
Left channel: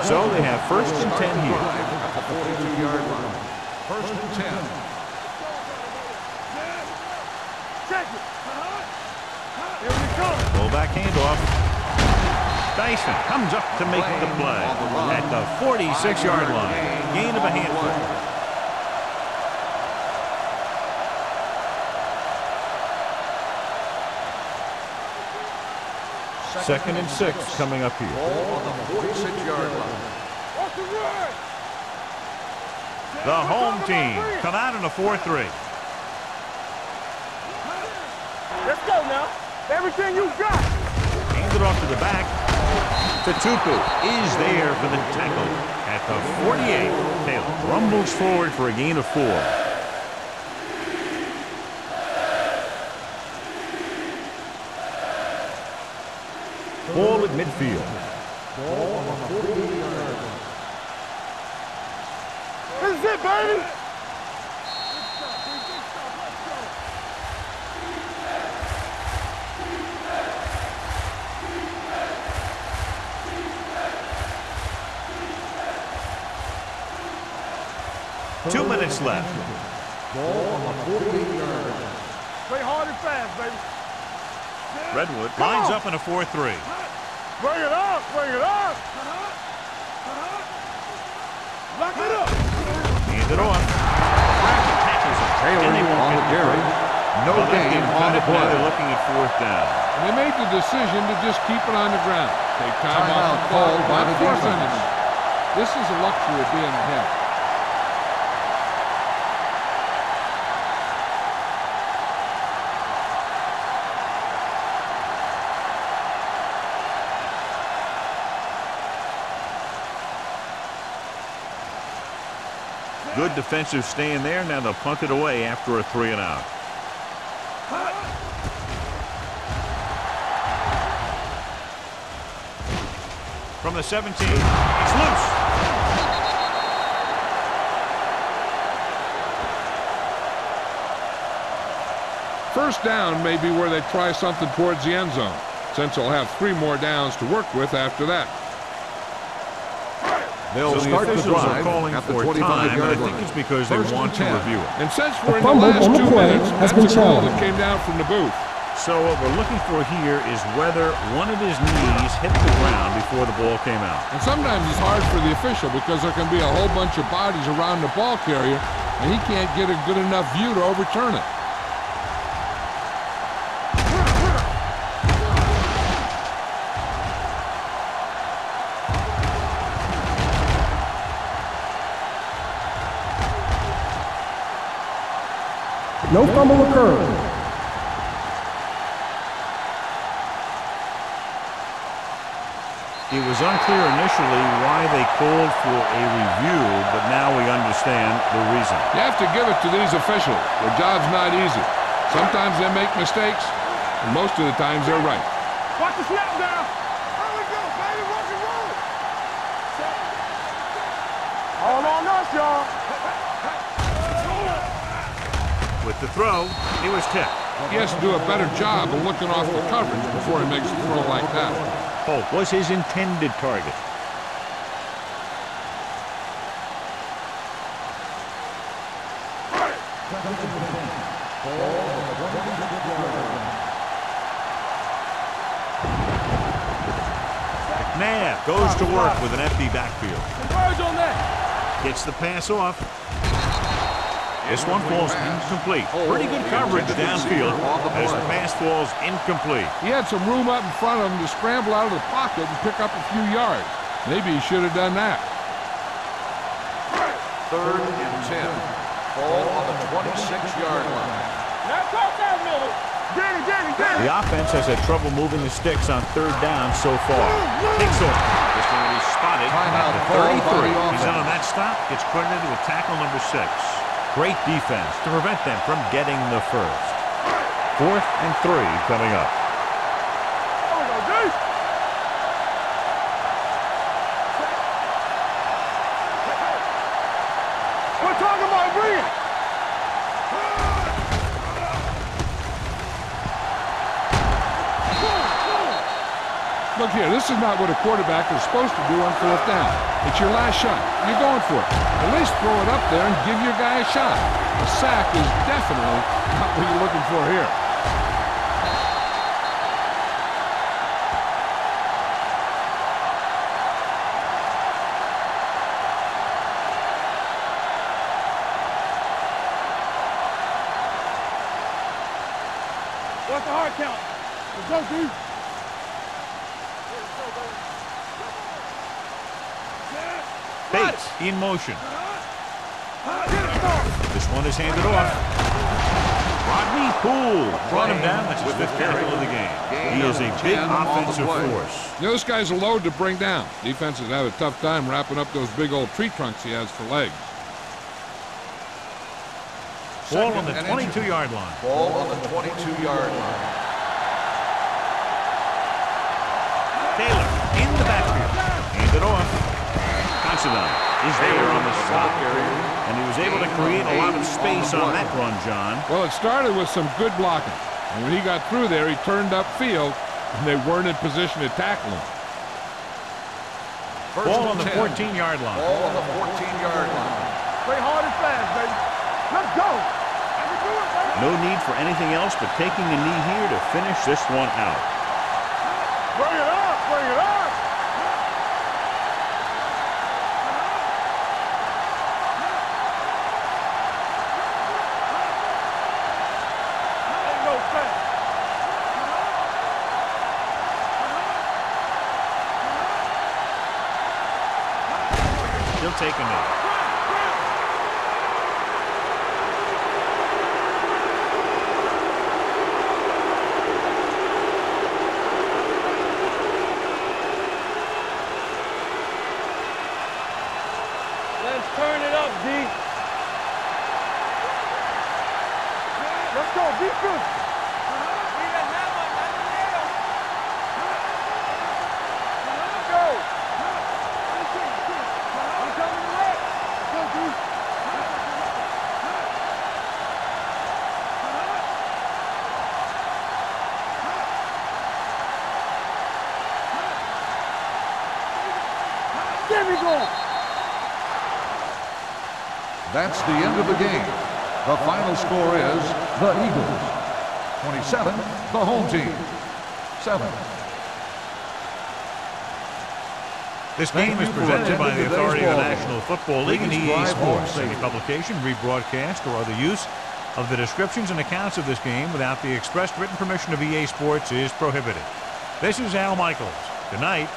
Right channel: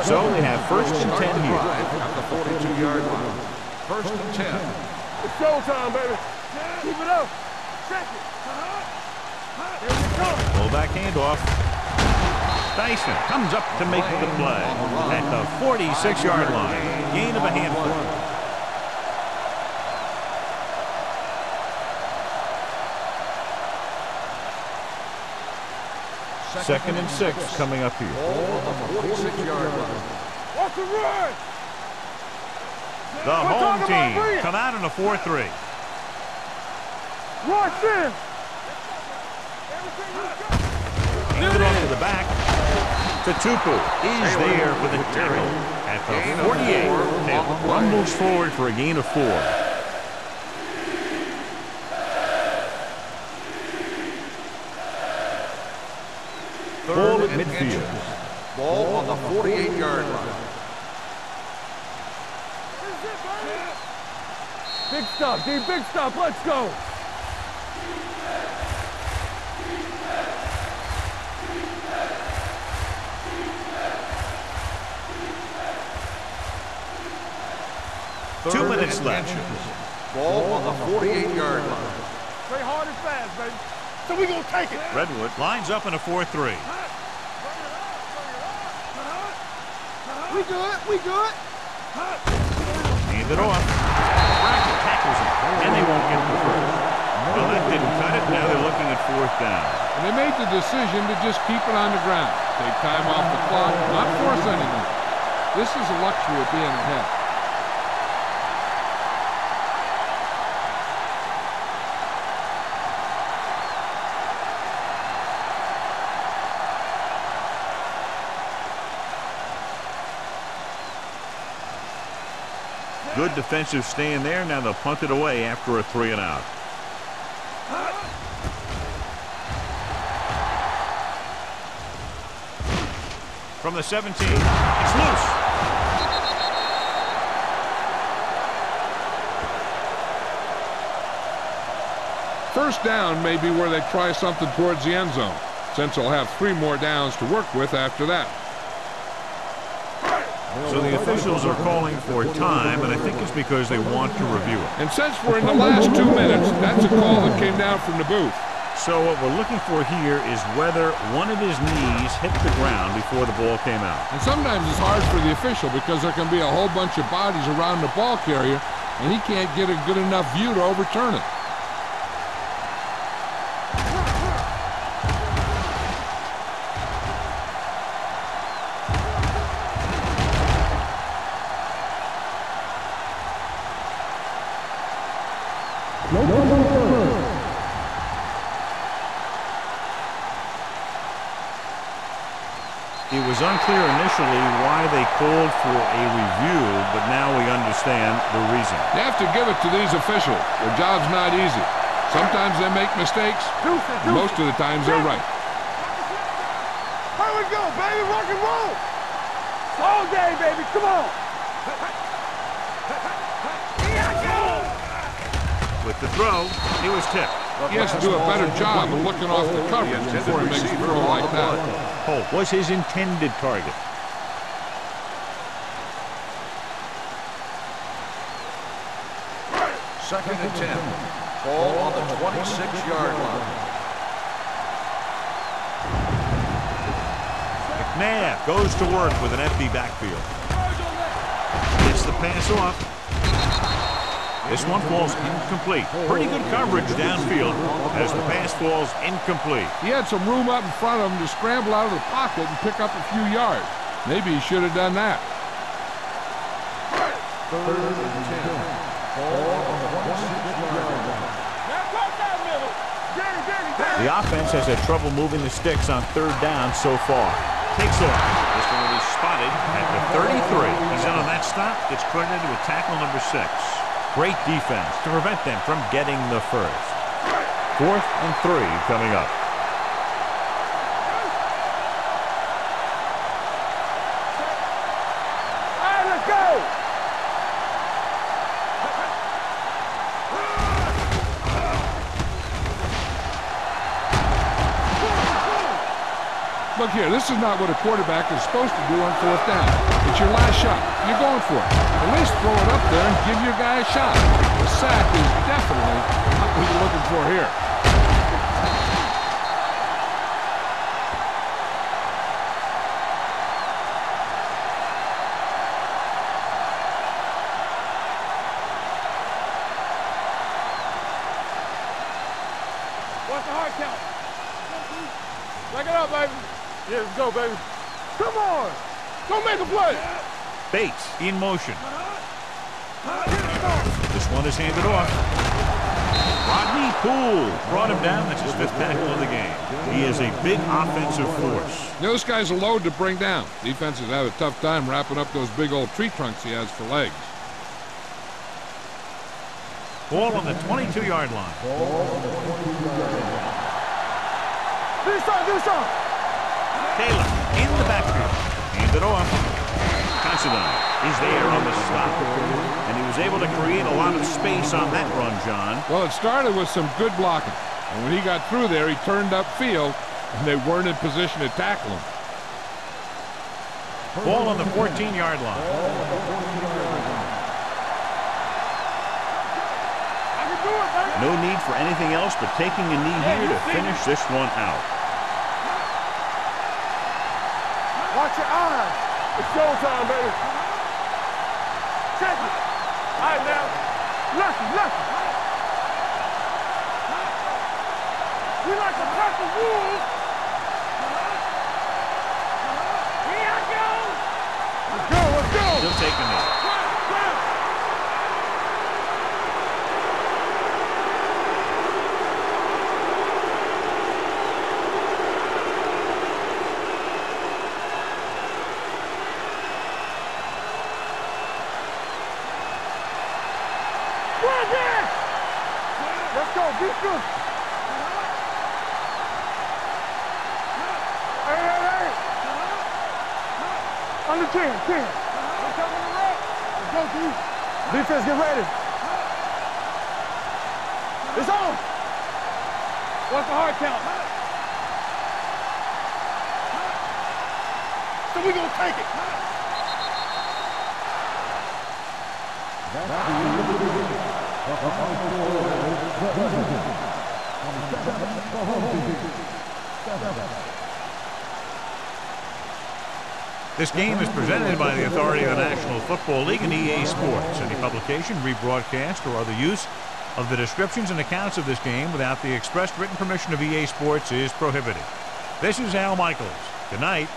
So they have first and 10 here. At the 42-yard line. First and 10. It's showtime, baby. Keep it up. Check it. Here we come. Fullback handoff. Dyson comes up to make the play at the 46-yard line. Gain of a handful. Second and 6 coming up here. Ball on the 46-yard line. What's the run? The home team come out in a 4-3. Watch this. Let's go now. Everything you got. Handed off to the back. Tupu is there for the tackle at the 48. Taylor rumbles forward for a gain of 4. Ball at midfield. Ball on the 48-yard line. This is it, baby. Big stop, D. Big stop. Let's go. Two minutes left. Ball on the 48-yard line. Play hard and fast, baby. So we gonna take it. Redwood lines up in a 4-3. Bring it up. Bring it up. We good. We good. Lock it up. Hand it off. Bracket tackles it, and they won't get the first. Well, that didn't cut it. Now they're looking at 4th down. And they made the decision to just keep it on the ground. Take time off the clock, not force anything. This is a luxury of being ahead. Good defensive stand there. Now they'll punt it away after a 3-and-out. From the 17, it's loose. First down may be where they try something towards the end zone, since they'll have 3 more downs to work with after that. So the officials are calling for time, and I think it's because they want to review it. And since we're in the last 2 minutes, that's a call that came down from the booth. So what we're looking for here is whether one of his knees hit the ground before the ball came out. And sometimes it's hard for the official because there can be a whole bunch of bodies around the ball carrier, and he can't get a good enough view to overturn it. No fumble occurred. It was unclear initially why they called for a review, but now we understand the reason. You have to give it to these officials. Their job's not easy. Sometimes they make mistakes, and most of the times they're right. Watch the snap now. Here we go, baby. Rock and roll. All day, baby. Come on. All on us, y'all. With the throw, he was tipped. He has to do a better job of looking off the coverage before he makes a throw like that. Holt was his intended target. Second and 10. Ball on the 26-yard line. McNabb goes to work with an empty backfield. Gets the pass off. This one falls incomplete. Pretty good coverage downfield as the pass falls incomplete. He had some room up in front of him to scramble out of the pocket and pick up a few yards. Maybe he should have done that. Third and 10. Ball on the 26-yard line. Now cross that middle. Get it. The offense has had trouble moving the sticks on third down so far. Takes off. This one will be spotted at the 33. He's in on that stop. Gets credited with tackle number 6. Great defense to prevent them from getting the first. 4th and 3 coming up. Let's go. We're talking about brilliant. Look here, this is not what a quarterback is supposed to do on 4th down. It's your last shot. You're going for it. At least throw it up there and give your guy a shot. A sack is definitely not what you're looking for here. What's the hard count? Let's go, D. Break it up, baby. Yeah, let's go, baby. Come on. Go make a play. Bates in motion. This one is handed off. Rodney Poole brought him down. That's his 5th tackle of the game. He is a big offensive force. You know, this guy's a load to bring down. Defenses have a tough time wrapping up those big old tree trunks he has for legs. Ball on the 22-yard line. Ball on the 22-yard line. Taylor in the backfield. Handed off. Considine is there on the stop. And he was able to create a lot of space on that run, John. Well, it started with some good blocking. And when he got through there, he turned upfield, and they weren't in position to tackle him. Ball on the 14-yard line. Ball on the 14-yard line. Play hard and fast, baby. Let's go. I can do it, baby. No need for anything else but taking a knee here to finish this one out. Bring it up. Watch your eyes. It's showtime, baby. Check it. All right, now. Left. Go, baby. We like to have the rules. He'll take a knee. Ground. Let's turn it up, D. Let's go, be good. Under 10. We're coming to red. Let's go, D. Defense, get ready. It's on. What's the hard count? So we gonna take it. Then we going. That's the end of the game. The final score is The Eagles. 27, the home team, 7. This game is presented by the authority of the National Football League and EA Sports. Any publication, rebroadcast, or other use of the descriptions and accounts of this game without the expressed written permission of EA Sports is prohibited. This is Al Michaels. Good night.